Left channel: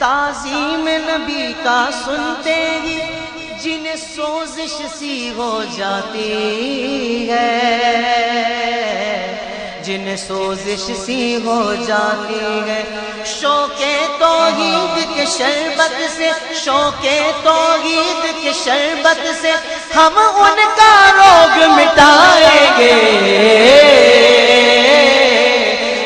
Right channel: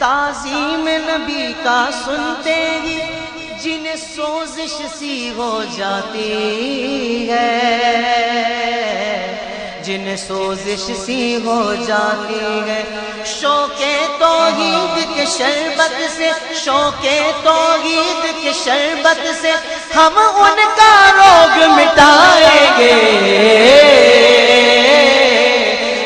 تعظیم نبی کا سنتے ہی جنہیں سوزش سی ہو جاتی ہے، جنہیں سوزش سی ہو جاتی ہے، شوق توحید کے شربت سے، شوق توحید کے شربت سے ہم ان کا روگ مٹائیں گے،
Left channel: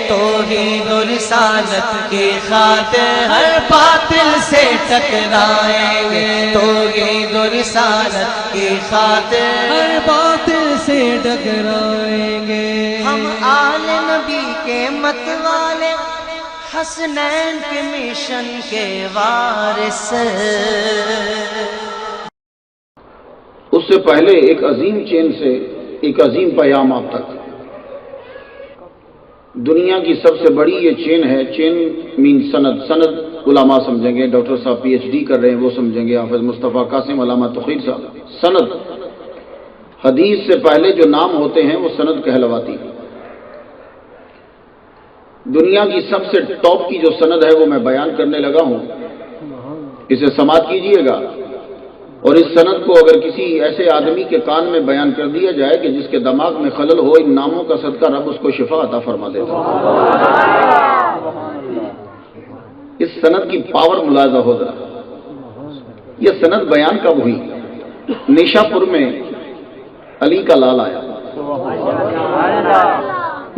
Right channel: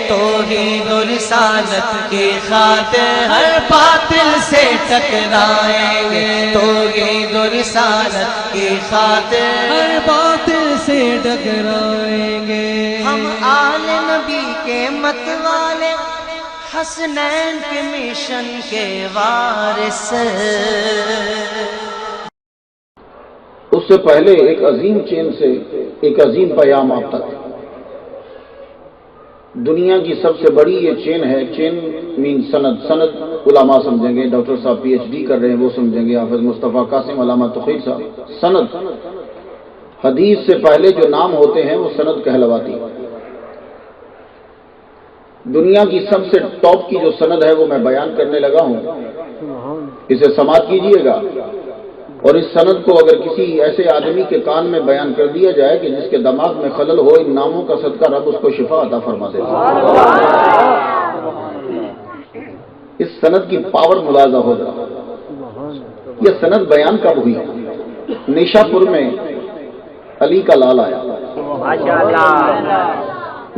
توحید و رسالت کی خاطر ہر باطل سے ٹکرائیں گے، توحید و رسالت کی خاطر ہر باطل سے ٹکرائیں گے۔ ہم آل نبی کے مت والے، حسنین کے مشن کے وارث۔ اس سے پہلے ایک عظیم چین سے ایک عظیم پیام آپ تک۔ دنیا کی سب سے بڑی یہ چین ہے، چین مین سند، سند علماء سمجھیں گے، ڈاکٹر صاحب پی ایچ ڈی کر رہے ہیں وہ سمجھیں گے، حافظ مصطفیٰ قاسم، علامہ توقیر صاحب۔ سند، حدیث سے پہلے جو نام ہوتے ہیں وہ سند کہلواتی۔ دنیا کی سب سے ٹاپ کی جو سند ہے وہ میں بیان کرنے لگا ہوں، اسے سماعت کیجئے گا، اور اس سند کو اگر کسی ایسے آدمی کے کان میں بیان کر دیا جائے کہ جس کے دماغ میں خلل ہو، ان ناموں کا صدقہ رب اس کو شفا عطا فرما دیتا ہے۔ اس سند کی پاور ملاحظہ ہو ذرا۔ یہ سند بیان کب ہوئی؟ نیشا پور میں علی کا لال آیا۔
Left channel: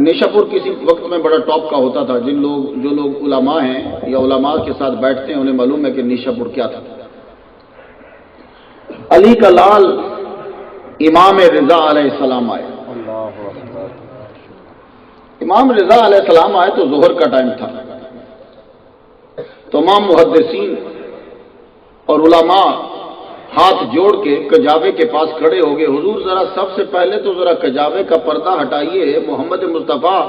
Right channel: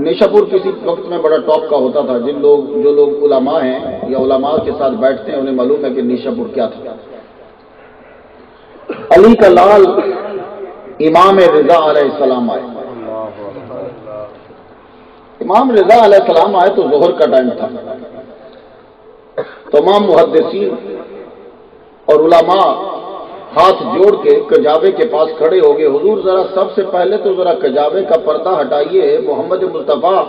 نیشا پور کسی وقت میں بڑا ٹاپ کا ہوتا تھا، جو لوگ علماء ہیں یا علماء کے ساتھ بیٹھتے ہیں انہیں معلوم ہے کہ نیشا پور کیا تھا۔ علی کا لال امام رضا علیہ السلام آئے۔ امام رضا علیہ السلام آئے تو ظہر کا ٹائم تھا۔ تمام محدثین اور علماء ہاتھ جوڑ کے کجاوے کے پاس کھڑے ہو گئے، حضور ذرا سب سے پہلے تو ذرا کجاوے کا پردہ ہٹائیے، محمد مصطفیٰ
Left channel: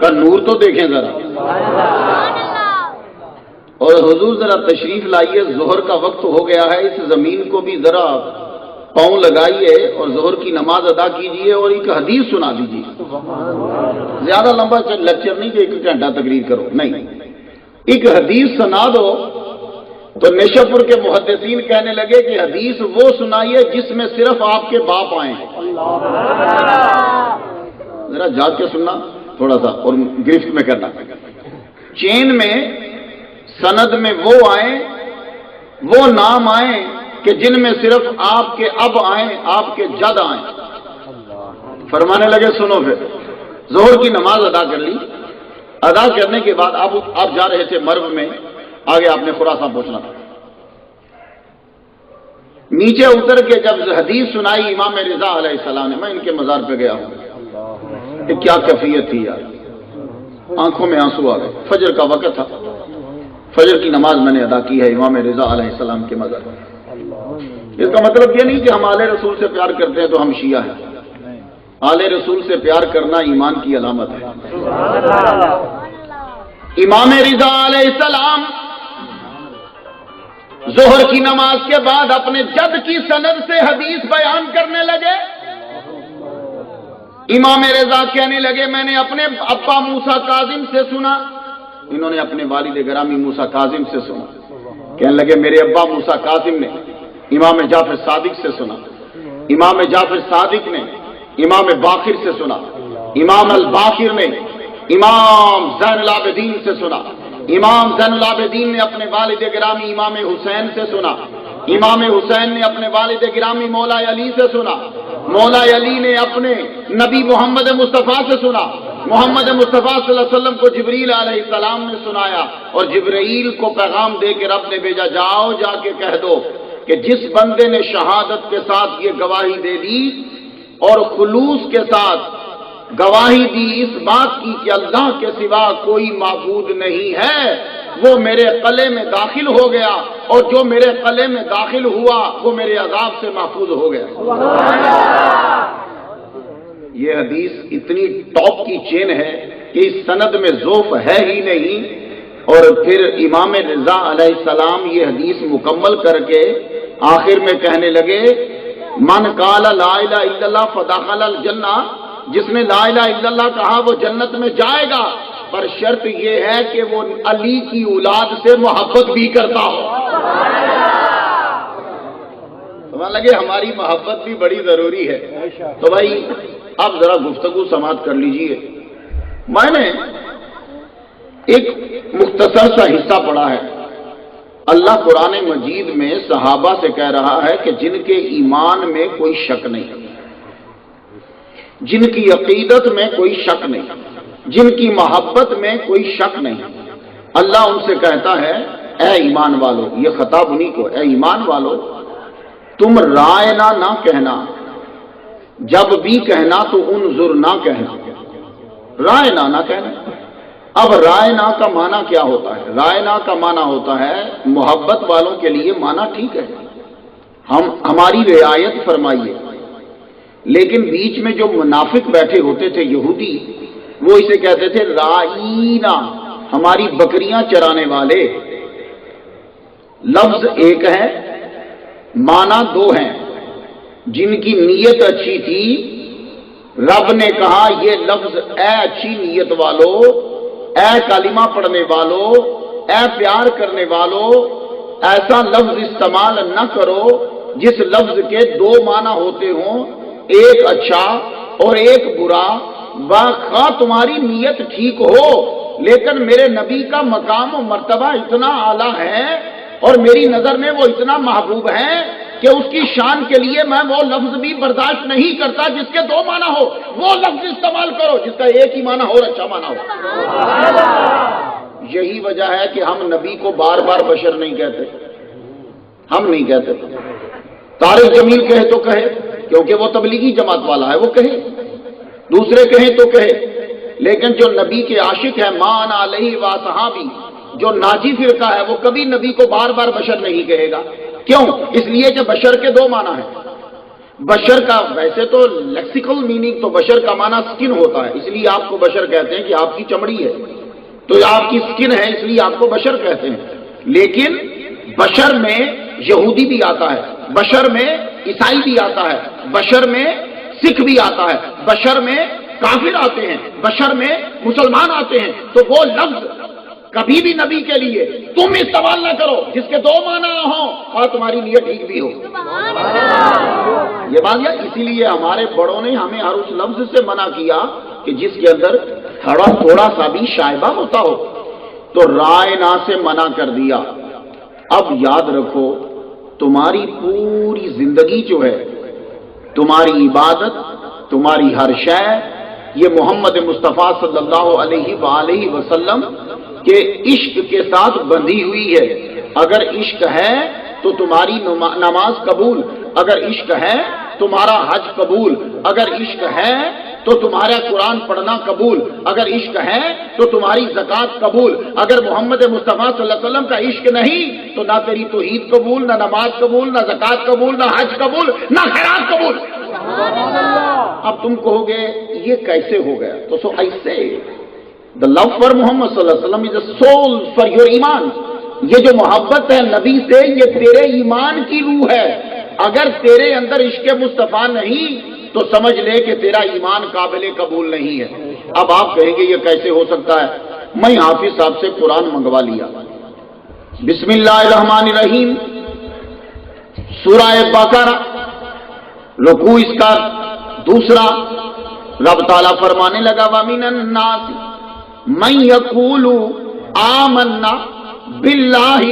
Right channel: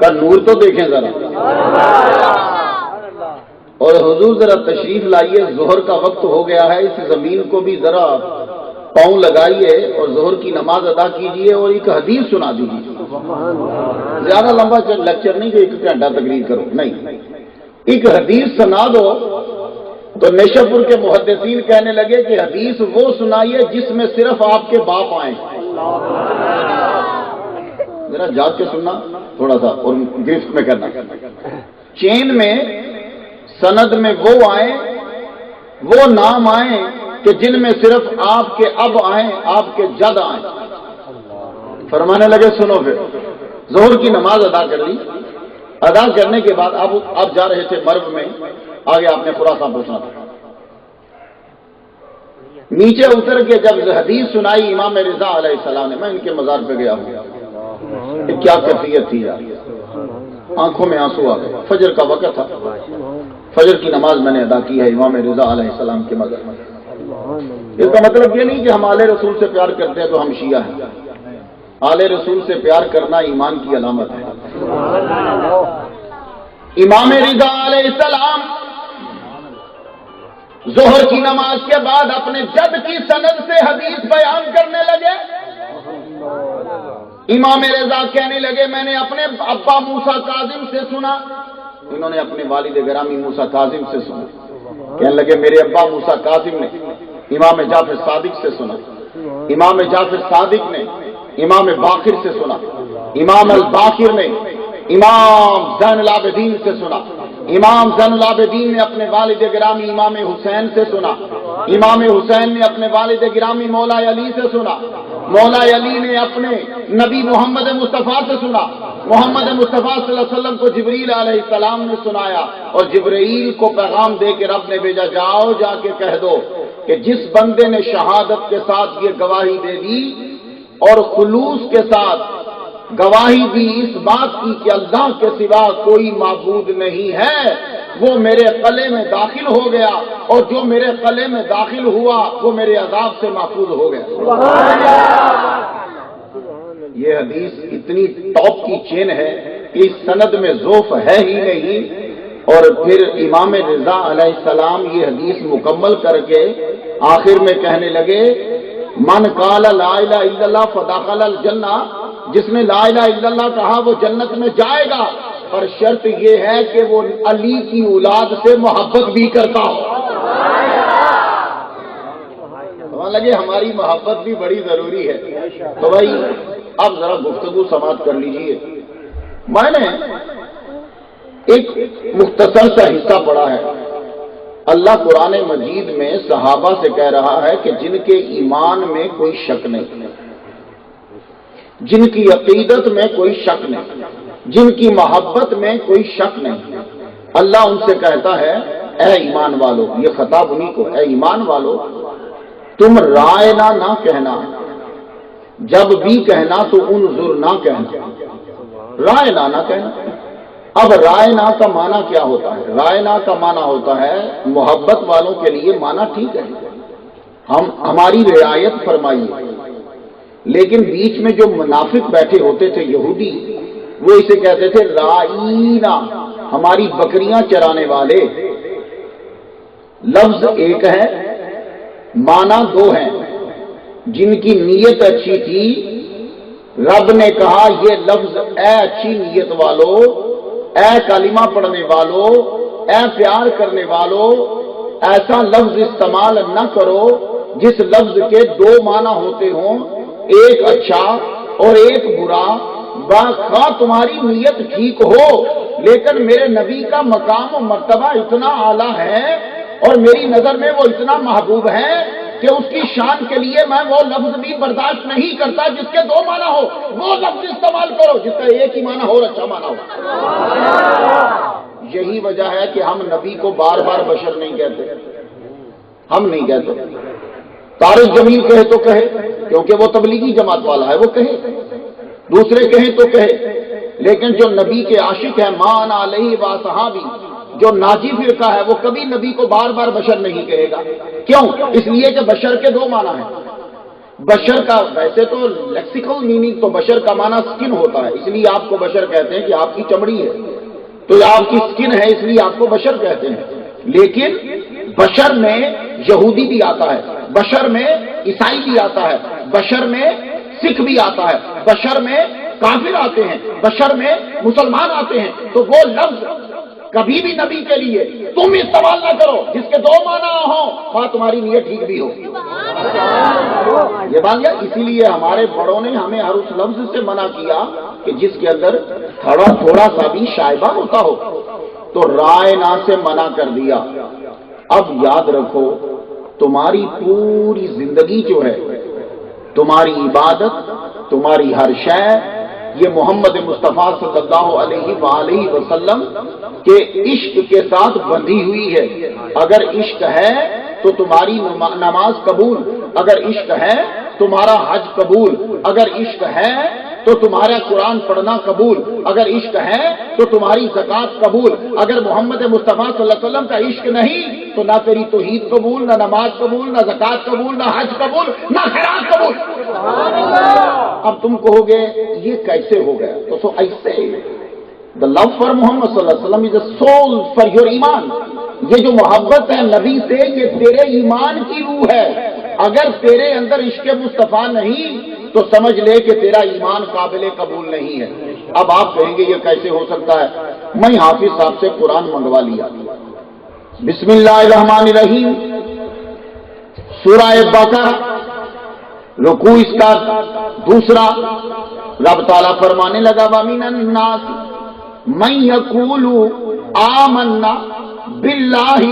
کا نور تو دیکھیں ذرا، اور حضور ذرا تشریف لائیے، ظہر کا وقت ہو گیا ہے، اس زمین کو بھی ذرا پاؤں لگائیے اور ظہر کی نماز ادا کیجیے اور ایک حدیث سنا دیجیے۔ زیادہ لمبا لیکچر نہیں کہ 1 گھنٹہ تقریر کرو، نہیں، ایک حدیث سنا دو۔ تو نیشا پور کے محدثین کہنے لگے کہ حدیث وہ سنائیے جس میں صرف آپ کے باپ آئیں۔ ذرا جاگ کے سننا تھوڑا سا اور گرفت میں کرنا۔ چین میں سند میں وہ آئیں، وہ نام آئیں کہ جن میں صرف آپ کے اب آئیں، آپ کے جد آئیں۔ فرمانے لگے سنو، پھر ظہر کی نماز ادا کر لی، ادا کرنے کے بعد آپ جا رہے تھے مرو میں، آگے آپ نے خراساں پہنچنا تھا۔ نیچے اتر کے جب حدیث سنائی امام رضا علیہ السلام نے، میں ان کے مزار پہ گیا ہوں، کہ کیا کیفیت تھی یار، آنکھوں میں آنسو آ گئے۔ فجر کا وقت تھا، فجر کی نماز میں نے ادا کی ہے امام رضا علیہ السلام کے مزار پر۔ اس کا مطلب یہ نہیں کہ ہم آل رسول سے پیار کرتے ہیں تو ہم شیعہ ہیں، آل رسول سے پیار کرنا ایمان کی علامت ہے۔ امام رضا علیہ السلام ظہر کی نماز کے بعد اپنے جد کی سند سے حدیث بیان کرنے لگے۔ امام رضا کہنے لگے میں نے اپنے ابا موسیٰ کاظم سے سنا، انہوں نے اپنے والد گرامی موسیٰ کاظم سے سنا۔ کہنے لگے میرے ابا موسیٰ کاظم نے امام جعفر صادق سے سنا، امام جعفر صادق نے امام باقر سے سنا، امام الباقر نے امام زین العابدین سے سنا، امام زین العابدین نے اپنے والد گرامی امام حسین سے سنا، امام حسین نے اپنے والد گرامی مولا علی سے سنا، مولا علی نے اپنے نبی محمد مصطفیٰ سے سنا، محمد مصطفیٰ صلی اللہ علیہ وسلم کو جبریل علیہ السلام نے سنایا، اور جبریل کو پیغام دے کے رب نے بھیجا جاؤ جا کے کہہ دو کہ جس بندے نے شہادت کے ساتھ یہ گواہی دے دی اور خلوص کے ساتھ گواہی دی اس بات کی کہ اللہ کے سوا کوئی معبود نہیں ہے، وہ میرے قلعے میں داخل ہو گیا، اور جو میرے قلعے میں داخل ہوا وہ میرے عذاب سے محفوظ ہو گیا۔ یہ حدیث اتنی ٹاپ کی چین ہے کہ اس سند میں ضعف ہے ہی نہیں، اور پھر امام رضا علیہ السلام یہ حدیث مکمل کر کے آخر میں کہنے لگے من قال لا الہ الا اللہ فدخل الجنہ، جس نے لا الہ الا اللہ کہا وہ جنت میں جائے گا، پر شرط یہ ہے کہ وہ علی کی اولاد سے محبت بھی کرتا ہو۔ لگے ہماری محبت بھی بڑی ضروری ہے۔ تو بھائی اب ذرا گفتگو سماعت کر لیجئے۔ میں نے ایک مختصر سا حصہ پڑھا ہے، اللہ قرآن مجید میں صحابہ سے کہہ رہا ہے کہ جن کے ایمان میں کوئی شک نہیں، جن کی عقیدت میں کوئی شک نہیں، جن کی محبت میں کوئی شک نہیں، اللہ ان سے کہتا ہے اے ایمان والو، یہ خطاب انہی کو، اے ایمان والو تم رائنا نہ کہنا، جب بھی کہنا تو انظر نہ کہنا، رائنا نہ کہنا۔ اب رائنا کا معنی کیا ہوتا ہے؟ رائنا کا معنی ہوتا ہے محبت والوں کے لیے معنی ٹھیک ہے، ہماری رعایت فرمائیے، لیکن بیچ میں جو منافق بیٹھے ہوتے تھے یہودی، وہ اسے کہتے تھے رائینا، ہماری بکریاں چرانے والے۔ لفظ ایک ہے، معنی دو ہیں۔ جن کی نیت اچھی تھی رب نے کہا یہ لفظ اے اچھی نیت والو، اے کلمہ پڑھنے والو، اے پیار کرنے والو، ایسا لفظ استعمال نہ کرو جس لفظ کے دو معنی ہوتے ہوں، ایک اچھا اور ایک برا۔ باخواہ تمہاری نیت ٹھیک ہو، لیکن میرے نبی کا مقام و مرتبہ اتنا اعلیٰ ہے اور میری نظر میں وہ اتنا محبوب ہے کہ اس کی شان کے لیے میں وہ لفظ بھی برداشت نہیں کرتا جس کے دو معنی ہو۔ وہ لفظ استعمال کرو جس کا ایک ہی معنی ہو اور اچھا معنی ہو۔ یہی وجہ ہے کہ ہم نبی کو بار بار بشر نہیں کہتے، ہم نہیں کہتے۔ طارق جمیل کہے تو کہے کیونکہ وہ تبلیغی جماعت والا ہے، وہ کہے، دوسرے کہیں تو کہے، لیکن جو نبی کے عاشق ہے مان علیہ و صحابی، جو ناجی فرقہ ہے، وہ کبھی نبی کو بار بار بشر نہیں کہے گا۔ کیوں؟ اس لیے کہ بشر کے دو معنی ہیں۔ بشر کا ویسے تو لیکسیکل میننگ تو بشر کا معنی سکن ہوتا ہے، اس لیے آپ کو بشر کہتے ہیں کہ آپ کی چمڑی ہے، تو آپ کی سکن ہے اس لیے آپ کو بشر کہتے ہیں۔ لیکن بشر میں یہودی بھی آتا ہے، بشر میں عیسائی بھی آتا ہے، بشر میں سکھ بھی آتا ہے، بشر میں کافر آتے ہیں، بشر میں مسلمان آتے ہیں۔ تو وہ لفظ کبھی بھی نبی کے لیے تم استعمال نہ کرو جس کے دو معنی ہوں، اور تمہاری نیت ٹھیک بھی ہو۔ یہ بات ہے، اسی لیے ہمارے بڑوں نے ہمیں ہر اس لفظ سے منع کیا کہ جس کے اندر تھوڑا سا بھی شائبہ ہوتا ہو، تو رائنا سے منع کر دیا۔ اب یاد رکھو تمہاری پوری زندگی جو ہے، تمہاری عبادت، تمہاری ہر شے، یہ محمد مصطفیٰ صلی اللہ علیہ وآلہ وسلم کہ عشق کے ساتھ بندھی ہوئی ہے۔ اگر عشق ہے تو تمہاری نماز قبول، اگر عشق ہے تمہارا حج قبول، اگر عشق ہے تو تمہارا قرآن پڑھنا قبول، اگر عشق ہے تو تمہاری زکوٰۃ قبول۔ اگر محمد مصطفیٰ صلی اللہ علیہ وسلم کا عشق نہیں تو نہ تیری توحید قبول، نہ نماز قبول، نہ زکوٰۃ قبول، نہ حج قبول، نہ خیرات قبول۔ اب تم کہو گے یہ کیسے ہو گیا؟ تو سو ایسے The love for Muhammad صلی اللہ علیہ وسلم is a soul for your ایمان۔ یہ جو محبت ہے نبی سے، یہ تیرے ایمان کی روح ہے۔ اگر تیرے اندر عشق مصطفیٰ نہیں تو سمجھ لے کہ تیرا ایمان قابل قبول نہیں ہے۔ اب آپ کہیں گے یہ کیسے ہو سکتا ہے؟ میں حافظ صاحب سے قرآن منگوا لیا۔ بسم اللہ الرحمن الرحیم، سورہ بقرہ، رکوع اس کا دوسرا، رب تعالیٰ فرمانے لگا وَمِنَ النَّاسِ مَن يَقُولُ آمَنَّا بِاللَّهِ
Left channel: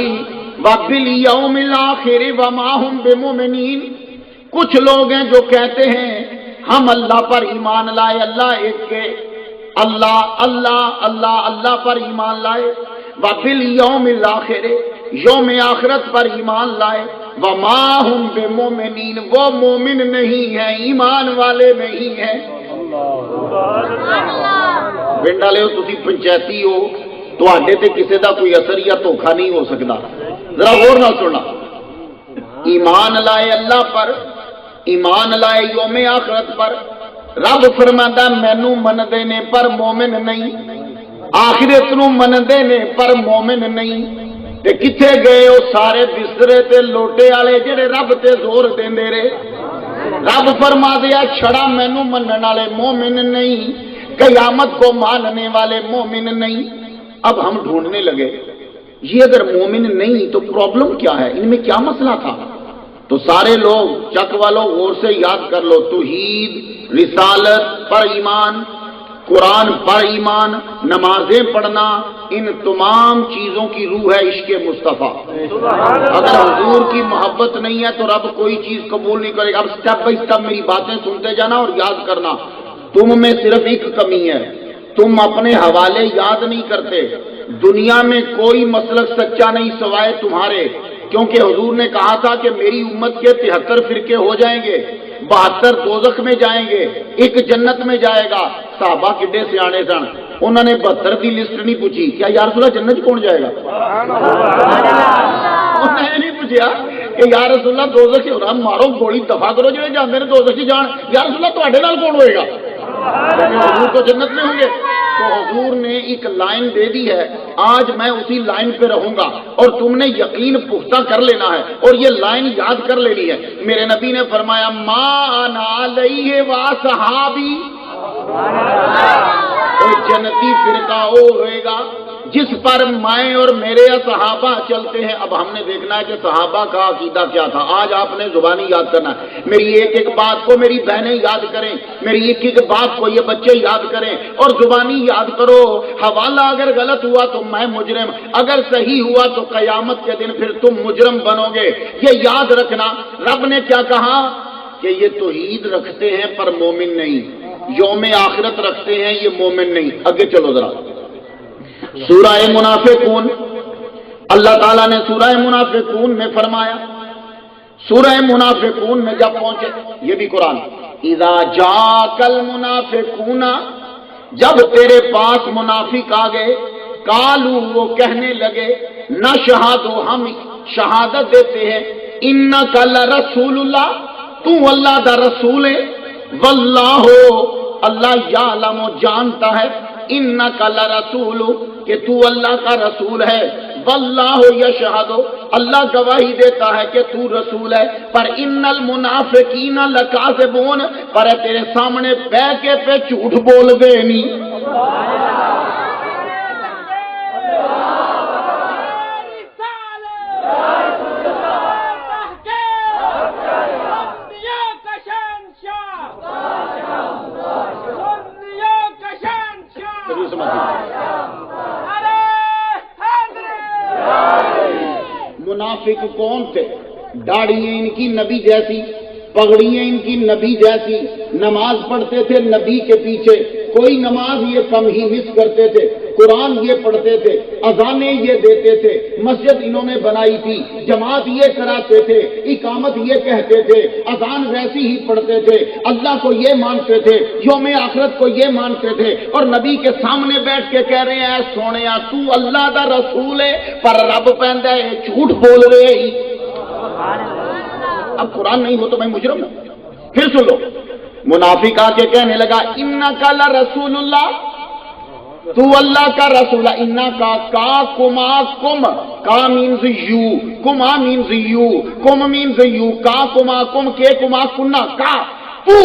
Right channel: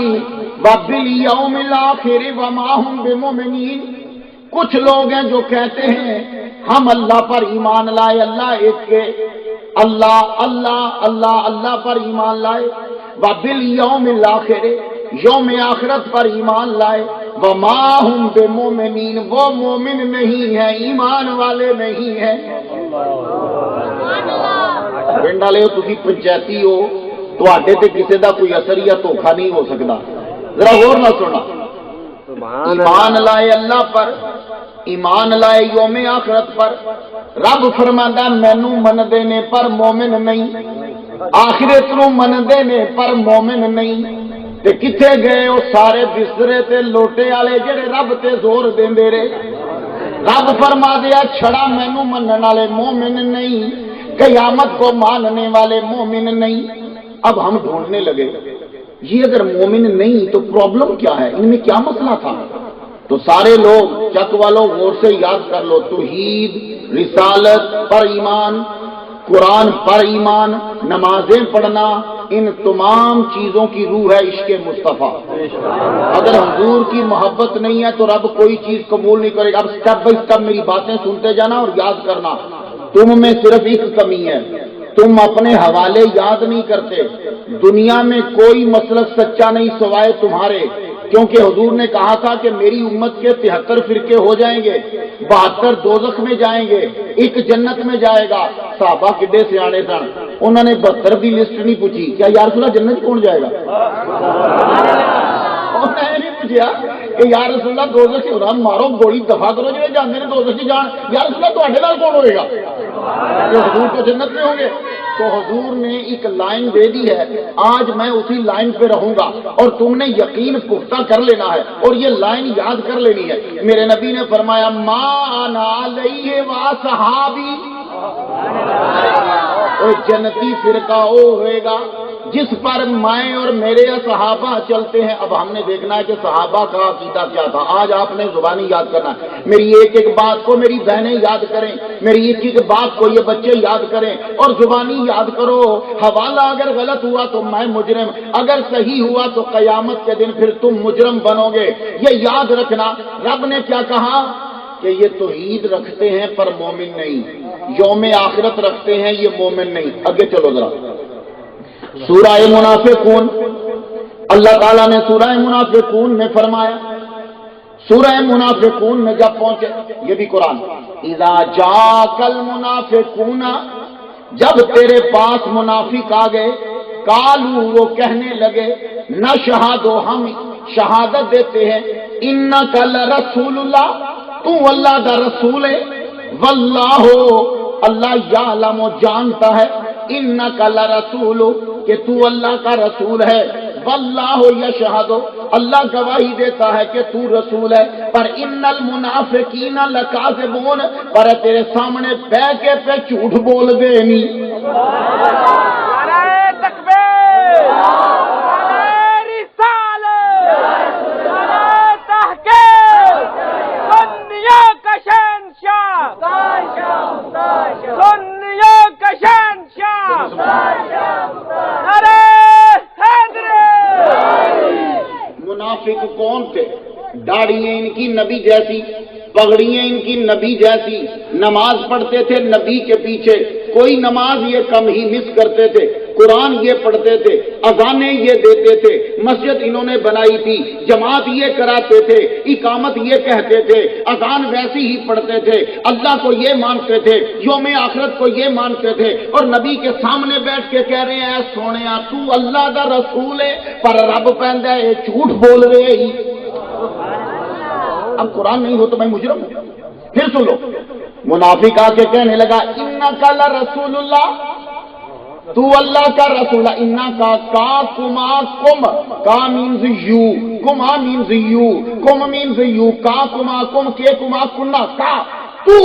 وَبِالْيَوْمِ الْآخِرِ وَمَا هُمْ بِمُؤْمِنِينَ۔ کچھ لوگ ہیں جو کہتے ہیں ہم اللہ پر ایمان لائے، اللہ ایک کے، اللہ اللہ اللہ اللہ پر ایمان لائے، وَبِالْيَوْمِ الْآخِرِ یوم آخرت پر ایمان لائے، وَمَا هُمْ بِمُؤْمِنِينَ وہ مومن نہیں ہیں، ایمان والے نہیں ہیں۔ پنڈ والے ہو تسی پنچایتی ہو، تواڈے تے کسی دا کوئی اثر یا دھوکھا نہیں ہو سکتا۔ ذرا غور نہ سننا، ایمان لائے اللہ پر، ایمان لائے یوم آخرت پر۔ رب فرماندا مینوں مندے نے پر مومن نہیں، آخرت نوں مندے نے پر مومن نہیں۔ تے کتھے گئے وہ سارے بسترے تے لوٹے والے جڑے رب تے زور دیندے رہے؟ رب فرما دیا چھڑا مینوں منن والے مومن نہیں، قیامت کو ماننے والے مومن نہیں۔ اب ہم ڈھونڈنے لگے یہ اگر مومن نہیں تو پرابلم کیا ہے، ان میں کیا مسئلہ تھا؟ تو سارے لوگ چک والو غور سے یاد کر لو، توحید، رسالت پر ایمان، قرآن پر ایمان، نمازیں پڑھنا، ان تمام چیزوں کی روح ہے عشق مصطفیٰ۔ اگر حضور کی محبت نہیں ہے تو رب کوئی چیز قبول نہیں کرے گا۔ اب سٹیپ بائی سٹیپ میری باتیں سنتے جانا اور یاد کرنا، تم میں صرف ایک کمی ہے، تم اپنے حوالے یاد نہیں کرتے۔ دنیا میں کوئی مسلک سچا نہیں سوائے تمہارے، کیونکہ حضور نے کہا تھا کہ میری امت کے 73 فرقے ہو جائیں گے، 72 دوزخ میں جائیں گے، ایک جنت میں جائے گا۔ صحابہ کڈے سیانے سن، انہوں نے 72 کی لسٹ نہیں پوچھی، کیا یا رسول اللہ جنت کون جائے گا؟ انہوں نے نہیں پوچھا کہ یا رسول اللہ دوزخ سے ہونا، مارو گولی دفاع کرو جو جانے نے دوزخ کی جان، یا رسول اللہ تواڈے نال کون ہوئے گا؟ کہ حضور تو جنت میں ہوں گے۔ تو حضور نے ایک لائن دے دی ہے، آج میں اسی لائن پہ رہوں گا اور تم نے یقین پختہ کر لینا ہے اور یہ لائن یاد کر لینی ہے۔ میرے نبی نے فرمایا ما انا علیہ و صحابی، جنتی فرقہ وہ ہوئے گا جس پر میں اور میرے صحابہ چلتے ہیں۔ اب ہم نے دیکھنا ہے کہ صحابہ کا عقیدہ کیا تھا۔ آج آپ نے زبانی یاد کرنا ہے، میری ایک ایک بات کو میری بہنیں یاد کریں، میری ایک ایک بات کو یہ بچے یاد کریں اور زبانی یاد کرو۔ حوالہ اگر غلط ہوا تو میں مجرم، اگر صحیح ہوا تو قیامت کے دن پھر تم مجرم بنو گے۔ یہ یاد رکھنا۔ رب نے کیا کہا کہ یہ توحید رکھتے ہیں پر مومن نہیں، یوم آخرت رکھتے ہیں یہ مومن نہیں۔ آگے چلو ذرا، سورہ منافقون، اللہ تعالیٰ نے سورہ منافقون میں فرمایا، سورہ منافقون میں جب پہنچے، یہ بھی قرآن، اذا جاءک المنافقون، جب تیرے پاس منافق آ گئے، قالو وہ کہنے لگے، نشہد ہم شہادت دیتے ہیں، انک لرسول اللہ، تو اللہ دا رسول ہے، واللہ اللہ یعلم جانتا ہے، انک لرسول کہ تو اللہ کا رسول ہے، واللہ یشہد اللہ گواہی دیتا ہے کہ تو رسول ہے، پر ان المنافقین لکاذبون پر تیرے سامنے بہ کے پہ جھوٹ بول گئے نہیں۔ منافق کون تھے؟ داڑھیاں ان کی نبی جیسی، پگڑیاں ان کی نبی جیسی، نماز پڑھتے تھے نبی کے پیچھے، کوئی نماز یہ کم ہی مس کرتے تھے، قرآن یہ پڑھتے تھے، اذانیں یہ دیتے تھے، مسجد انہوں نے بنائی تھی، جماعت یہ کراتے تھے، اقامت یہ کہتے تھے، اذان ویسی ہی پڑھتے تھے، اللہ کو یہ مانتے تھے، یوم آخرت کو یہ مانتے تھے، اور نبی کے سامنے بیٹھ کے کہہ رہے ہیں سونیا تو اللہ دا رسول ہے، پر رب پہندا ہے جھوٹ بول رہے ہی۔ اب قرآن نہیں ہو تو میں مجرم ہوں۔ پھر سن لو، منافق آ کے کہنے لگا انک لرسول اللہ، تو اللہ کا رسول ہے، انکا کا کما کم، کا مینز یو، کما مینز یو، کم مینز یو، کا کما کم، کے کما کنا، کا تو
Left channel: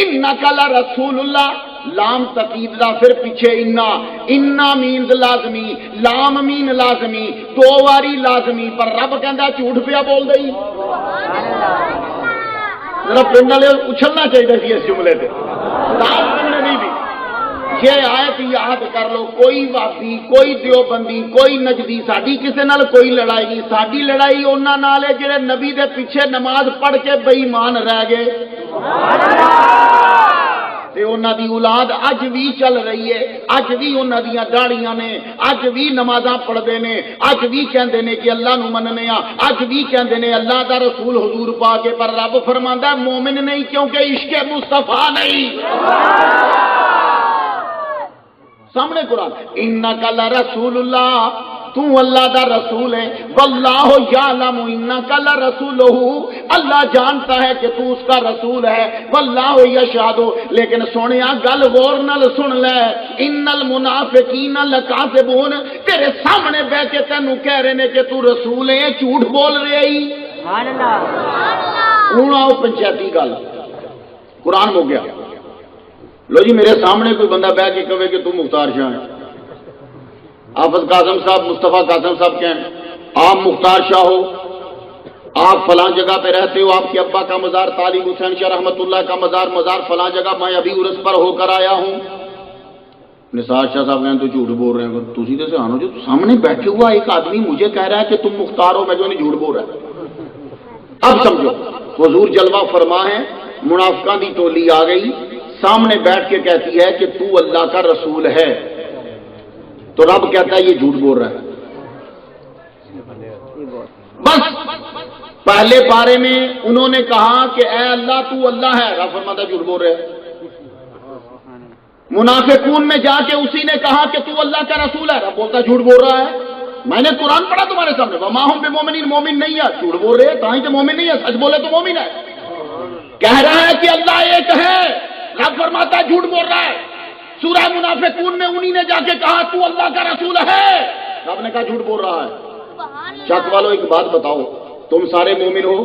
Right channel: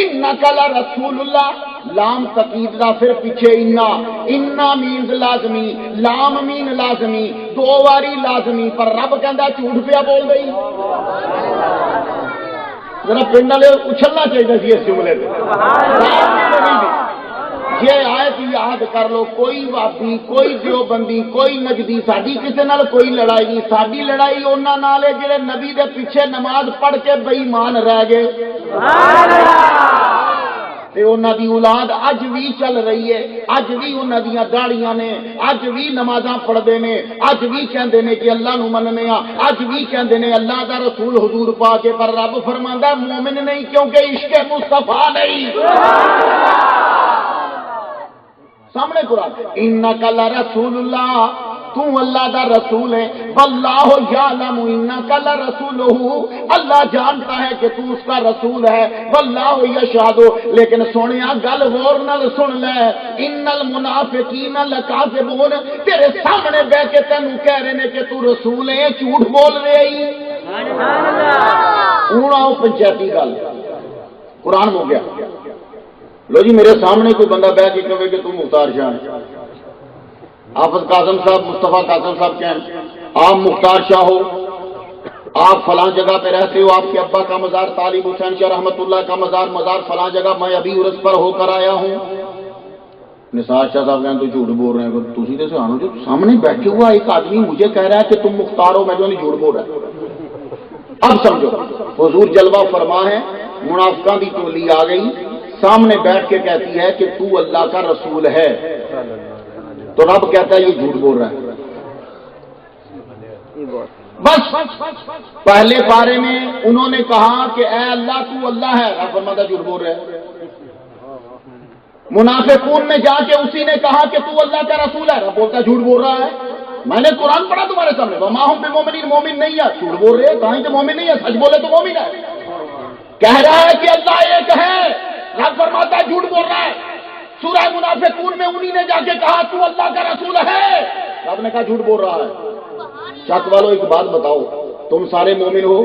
انکا لرسول اللہ، لام تقید دا پھر پیچھے انا مینز لازمی، لام مین لازمی، دو واری لازمی، پر رب کہندا جھوٹ پیا بول گئی۔ ذرا پنڈ والے اچھلنا چاہیے سی اس جملے سے، نہیں بھی یہ آیت یاد کر لو، کوئی وابی، کوئی دیوبندی، کوئی نجدی، ساڈی کسے نال کوئی لڑائی نہیں، ساڈی لڑائی انہاں نال ہے جڑے نبی دے پیچھے نماز پڑھ کے بے ایمان رہ گئے۔ انہاں دی اولاد اج بھی چل رہی ہے، اج بھی انہاں دیاں داڑیاں نے، اج بھی نمازاں پڑھدے نے، اج بھی کہندے نے کہ اللہ نو مننے آ، اج بھی کہندے نے اللہ دا رسول حضور پاک ہے، پر رب فرماندا مومن نہیں کیونکہ عشق مصطفیٰ نہیں۔ سامنے قرآن، انک لرسول اللہ، تو اللہ دا رسول ہے، واللہ یعلم انک لرسولہ، اللہ جانتا ہے کہ تو اس کا رسول ہے، واللہ یشہد، لیکن سونیا گل غور نال سن لے، ان المنافقین لکاذبون، تیرے سامنے بیٹھ کے تینوں کہہ رہے نے کہ تو رسول ہے، جھوٹ بول رہے ہی۔ ہوں آؤ پنچایتی گل، قرآن ہو گیا، لو جی میرے سامنے کوئی بندہ بیٹھ کے کہے کہ تم مختار شاہ ہیں، حافظ قاسم صاحب، مصطفیٰ قاسم صاحب کیا ہیں، آپ مختار شاہ ہو، آپ فلاں جگہ پہ رہتے ہو، آپ کے ابا کا مزار طالب حسین شاہ رحمۃ اللہ کا مزار فلاں جگہ، میں ابھی عرس پر ہو کر آیا ہوں۔ نثار شاہ صاحب کہیں تو جھوٹ بول رہے ہیں، تو سیدھے سے آنو جو سامنے بیٹھے ہوا ایک آدمی مجھے کہہ رہا ہے کہ تم مختار ہو، میں جو نہیں جھوٹ بول رہا ہے۔ اب سمجھو حضور جلوہ فرما ہے، منافقاں دی ٹولی آ گئی، سامنے بیٹھ کے کہتی ہے کہ تو اللہ کا رسول ہے، تو رب کہتا ہے یہ جھوٹ بول رہا ہے۔ بس پہلے بارے میں انہوں نے کہا کہ اے اللہ تو اللہ ہے، رب فرماتا جھوٹ بول رہا ہے۔ منافقون میں جا کے اسی نے کہا کہ تو اللہ کا رسول ہے، رب بولتا جھوٹ بول رہا ہے۔ میں نے قرآن پڑھا تمہارے سامنے، وما ہم بمومنین، مومن نہیں ہے، جھوٹ بول رہے ہیں، کہیں کہ مومن نہیں ہے، سچ بولے تو مومن ہے۔ کہہ رہا ہے کہ اللہ ایک ہے، رب فرماتا ہے جھوٹ بول رہا ہے۔ سورہ منافقون میں انہی نے جا کے کہا تو اللہ کا رسول ہے، رب نے کہا جھوٹ بول رہا ہے۔ چک والو ایک بات بتاؤ، تم سارے مومن ہو،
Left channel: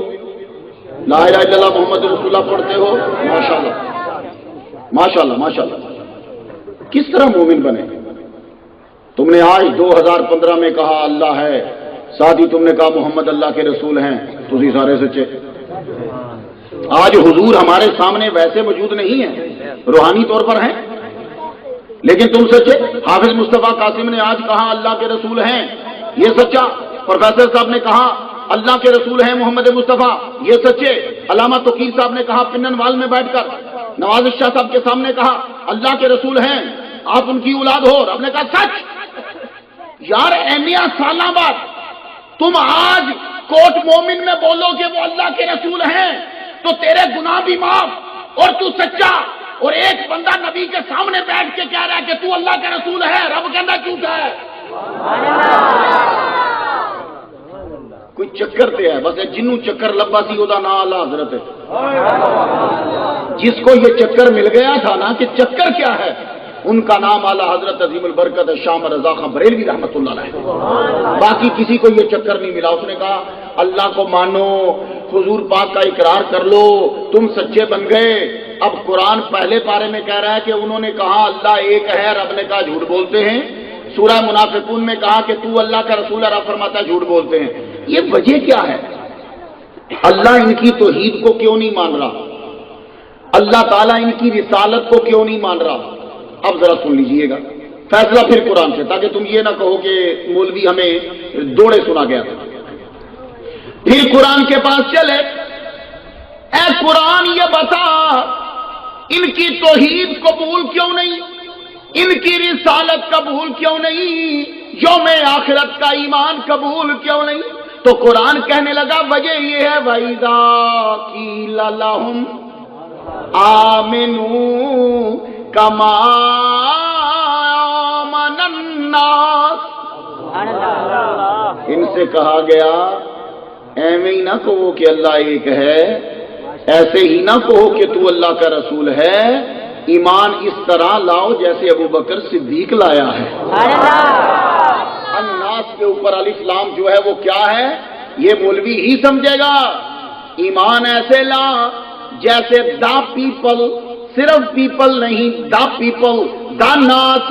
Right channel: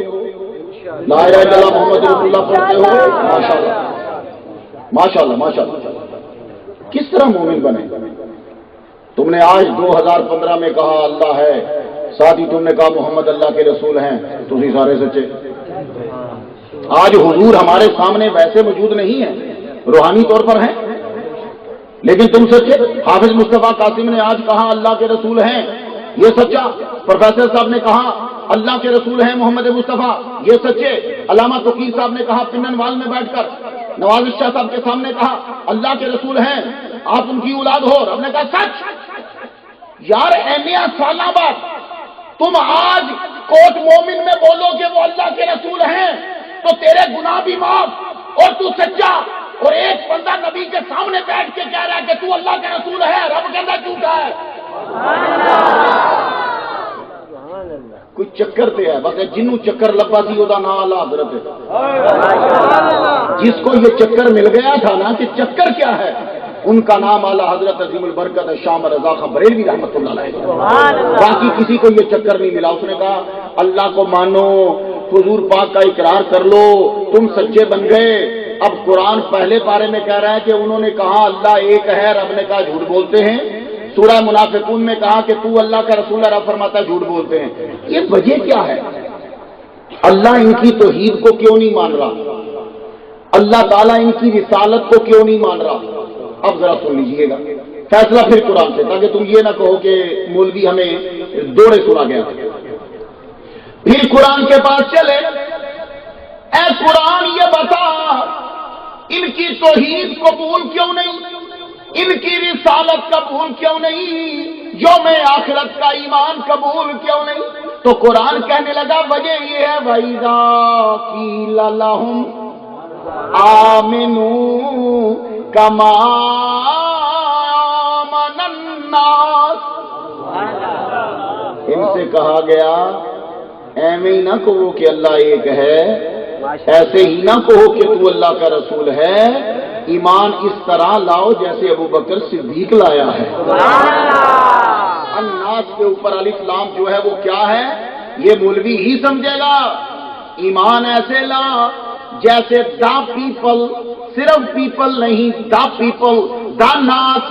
لا الہ الا اللہ محمد رسول اللہ پڑھتے ہو، ماشاءاللہ ماشاءاللہ ماشاءاللہ، کس طرح مومن بنے؟ تم نے آج 2015 میں کہا اللہ ہے، ساتھ ہی تم نے کہا محمد اللہ کے رسول ہیں، تسی سارے سچے۔ آج حضور ہمارے سامنے ویسے موجود نہیں ہیں، روحانی طور پر ہیں، لیکن تم سچے۔ حافظ مصطفیٰ قاسم نے آج کہا اللہ کے رسول ہیں، یہ سچا۔ پروفیسر صاحب نے کہا اللہ کے رسول ہیں محمد مصطفیٰ، یہ سچے۔ علامہ توقیر صاحب نے کہا پنن وال میں بیٹھ کر، نواز شاہ صاحب کے سامنے کہا اللہ کے رسول ہیں، آپ ان کی اولاد ہو، رب نے کہا سچ۔ یار اینیا سالہ بعد تم آج کوٹ مومن میں بولو کہ وہ اللہ کے رسول ہیں تو تیرے گناہ بھی معاف اور تو سچا، اور ایک بندہ نبی کے سامنے بیٹھ کے کہہ رہا ہے کہ تو اللہ کا رسول ہے، رب کہتا جھوٹا ہے۔ کوئی چکر تے ہے، بس جنوں چکر لبا سی وہ نام اعلی حضرت ہے۔ جس کو یہ چکر مل گیا تھا نا کہ چکر کیا ہے، ان کا نام اعلی حضرت عظیم البرکت شام رضا خان بریلوی رحمۃ اللہ علیہ۔ باقی کسی کو یہ چکر نہیں ملا۔ اس نے کہا اللہ کو مانو، حضور پاک کا اقرار کر لو، تم سچے بن گئے۔ اب قرآن پہلے پارے میں کہہ رہا ہے کہ انہوں نے کہا اللہ ایک ہے، رب نے کہا جھوٹ بولتے ہیں۔ سورہ منافقون میں کہا کہ تو اللہ کا رسول ہے، رب فرماتا ہے جھوٹ بولتے ہیں۔ یہ وجہ کیا ہے؟ اللہ ان کی توحید کو کیوں نہیں مان رہا؟ اللہ تعالیٰ ان کی رسالت کو کیوں نہیں مان رہا؟ اب ذرا سن لیجئے گا فیصلہ پھر قرآن سے، تاکہ تم یہ نہ کہو کہ مولوی ہمیں دوڑے سنا گیا تھا۔ پھر قرآن کے پاس چلے، اے قرآن یہ بتا ان کی توحید قبول کیوں نہیں، ان کی رسالت قبول کیوں نہیں، یوم آخرت کا ایمان قبول کیوں نہیں؟ تو قرآن کہنے لگا وجہ یہ ہے وَإِذَا قِيلَ لَهُمْ آمِنُوا كَمَا آمَنَ النَّاسُ، ان سے کہا گیا ایویں ہی نہ کہو کہ اللہ ایک ہے، ایسے ہی نہ کہو کہ تو اللہ کا رسول ہے، ایمان اس طرح لاؤ جیسے ابو بکر صدیق لایا ہے۔ الناس کے اوپر الف لام جو ہے وہ کیا ہے، یہ مولوی ہی سمجھے گا۔ ایمان ایسے لا جیسے دا پیپل، صرف پیپل نہیں، دا پیپل، دا ناس،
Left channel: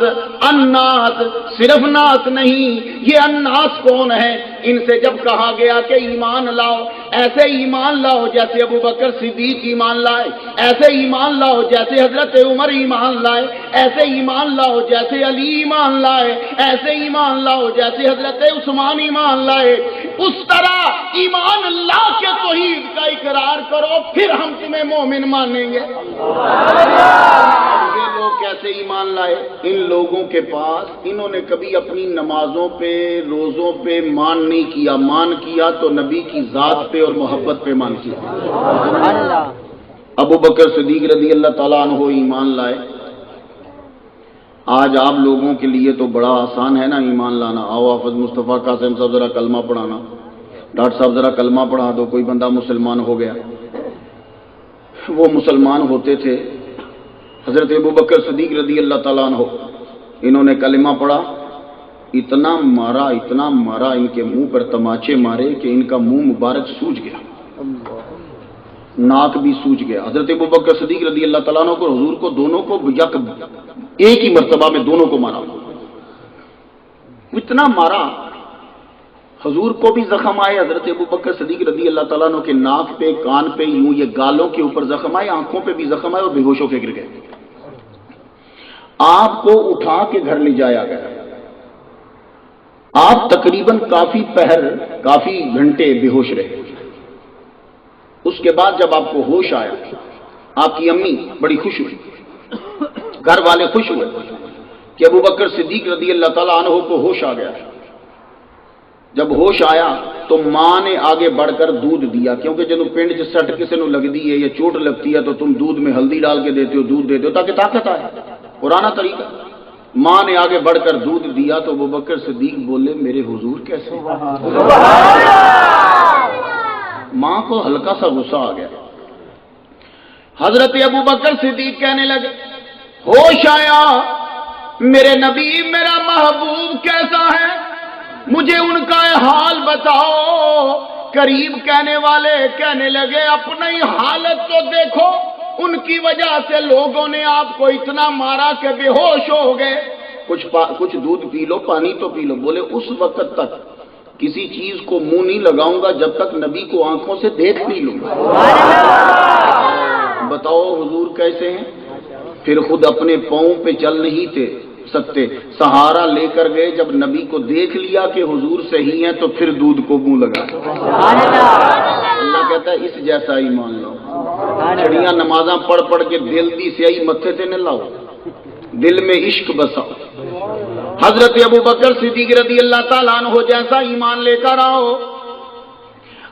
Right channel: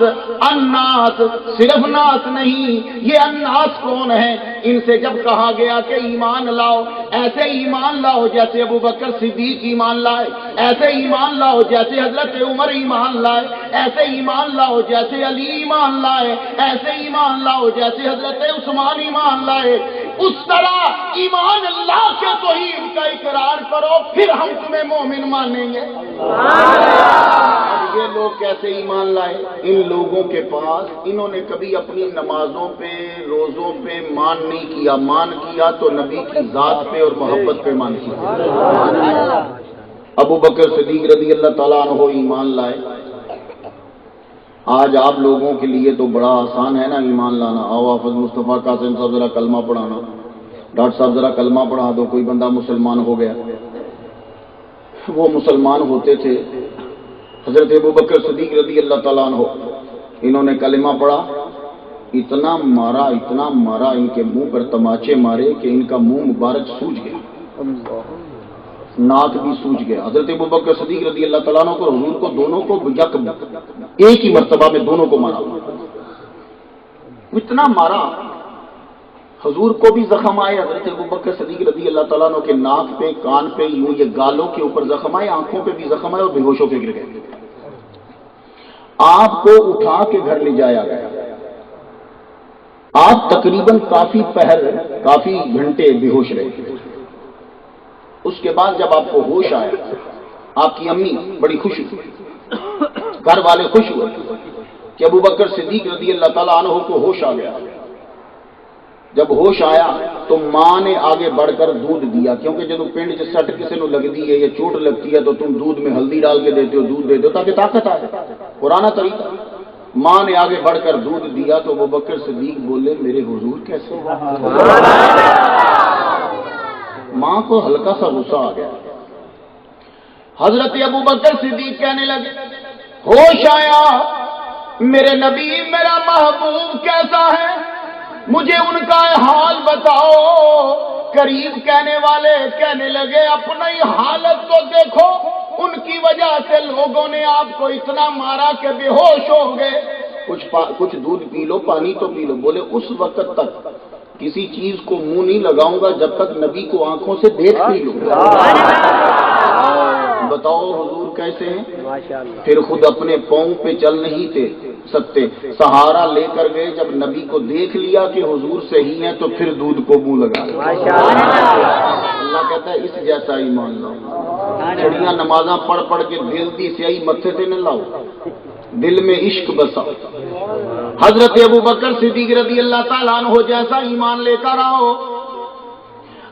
الناس، صرف ناس نہیں۔ یہ الناس کون ہے؟ ان سے جب کہا گیا کہ ایمان لاؤ، ایسے ایمان لاؤ جیسے ابو بکر صدیق ایمان لائے، ایسے ایمان لاؤ جیسے حضرت عمر ایمان لائے، ایسے ایمان لاؤ جیسے علی ایمان لائے، ایسے ایمان لاؤ جیسے حضرت عثمان ایمان لائے، اس طرح ایمان اللہ کے توحید کا اقرار کرو، پھر ہم تمہیں مومن مانیں گے۔ یہ لوگ کیسے ایمان لائے؟ ان لوگوں کے پاس انہوں نے کبھی اپنی نمازوں پہ، روزوں پہ مان نہیں کیا، مان کیا تو نبی کی ذات پہ اور محبت پہ مان کیا۔ ابو بکر صدیق رضی اللہ تعالیٰ عنہ ایمان لائے۔ آج آپ لوگوں کے لیے تو بڑا آسان ہے نا ایمان لانا۔ آؤ حافظ مصطفیٰ قاسم صاحب ذرا کلمہ پڑھانا، ڈاکٹر صاحب ذرا کلمہ پڑھا دو، کوئی بندہ مسلمان ہو گیا۔ وہ مسلمان ہوتے تھے، حضرت ابو بکر صدیق رضی اللہ تعالیٰ عنہ، انہوں نے کلمہ پڑھا، اتنا مارا ان کے منہ پر تماچے مارے کہ ان کا منہ مبارک سوج گیا۔ ناک بھی سوج گیا. حضرت ابوبکر صدیق رضی اللہ تعالیٰ عنہ کو حضور کو دونوں کو ایک ہی مرتبہ میں دونوں کو مارا. اتنا مارا حضور کو بھی زخم آئے, حضرت ابوبکر صدیق رضی اللہ تعالیٰ عنہ کے ناک پہ, کان پہ, یوں یہ گالوں کے اوپر زخم آئے, آنکھوں پہ بھی زخم آئے اور بے ہوش ہو کے گر گئے. آپ کو اٹھا کے گھر لے جایا گیا. آپ تقریباً کافی پہر, کافی گھنٹے بے ہوش رہے. اس کے بعد جب آپ کو ہوش آیا, آپ کی امی بڑی خوش ہوئی, گھر والے خوش ہوئے کہ ابوبکر صدیق رضی اللہ تعالیٰ عنہ کو ہوش آ گیا. جب ہوش آیا تو ماں نے آگے بڑھ کر دودھ دیا, کیونکہ جب پنڈ چ سٹ کسی نو لگتی ہے یا چوٹ لگتی ہے تو تم دودھ میں ہلدی ڈال کے دیتے ہو, دودھ دیتے ہو تاکہ طاقت آئے, پرانا طریقہ. ماں نے آگے بڑھ کر دودھ دیا تو ابوبکر صدیق بولے میرے حضور کیسے. ماں کو ہلکا سا غصہ آ گیا. حضرت ابوبکر صدیق کہنے لگے ہوش آیا, میرے نبی میرا محبوب کیسا ہے, مجھے ان کا حال بتاؤ. قریب کہنے والے کہنے لگے اپنی حالت تو دیکھو, ان کی وجہ سے لوگوں نے آپ کو اتنا مارا کہ بے ہوش ہو گئے. کچھ دودھ پی لو, پانی تو پی لو. بولے اس وقت تک کسی چیز کو منہ نہیں لگاؤں گا جب تک نبی کو آنکھوں سے دیکھ نہیں لوں گا. بتاؤ حضور کیسے ہیں. پھر خود اپنے پاؤں پہ چل نہیں تھے سکتے, سہارا لے کر گئے. جب نبی کو دیکھ لیا کہ حضور صحیح ہیں تو پھر دودھ کو منہ لگا. اللہ کہتا ہے اس جیسا ہی مان لو. چڑیاں نمازاں پڑھ پڑھ کے دل دی سیاہی متھے سے نہ لاؤ, دل میں عشق بساؤ. حضرت ابوبکر صدیق رضی اللہ تعالیٰ عنہ جیسا ایمان لے کر آؤ.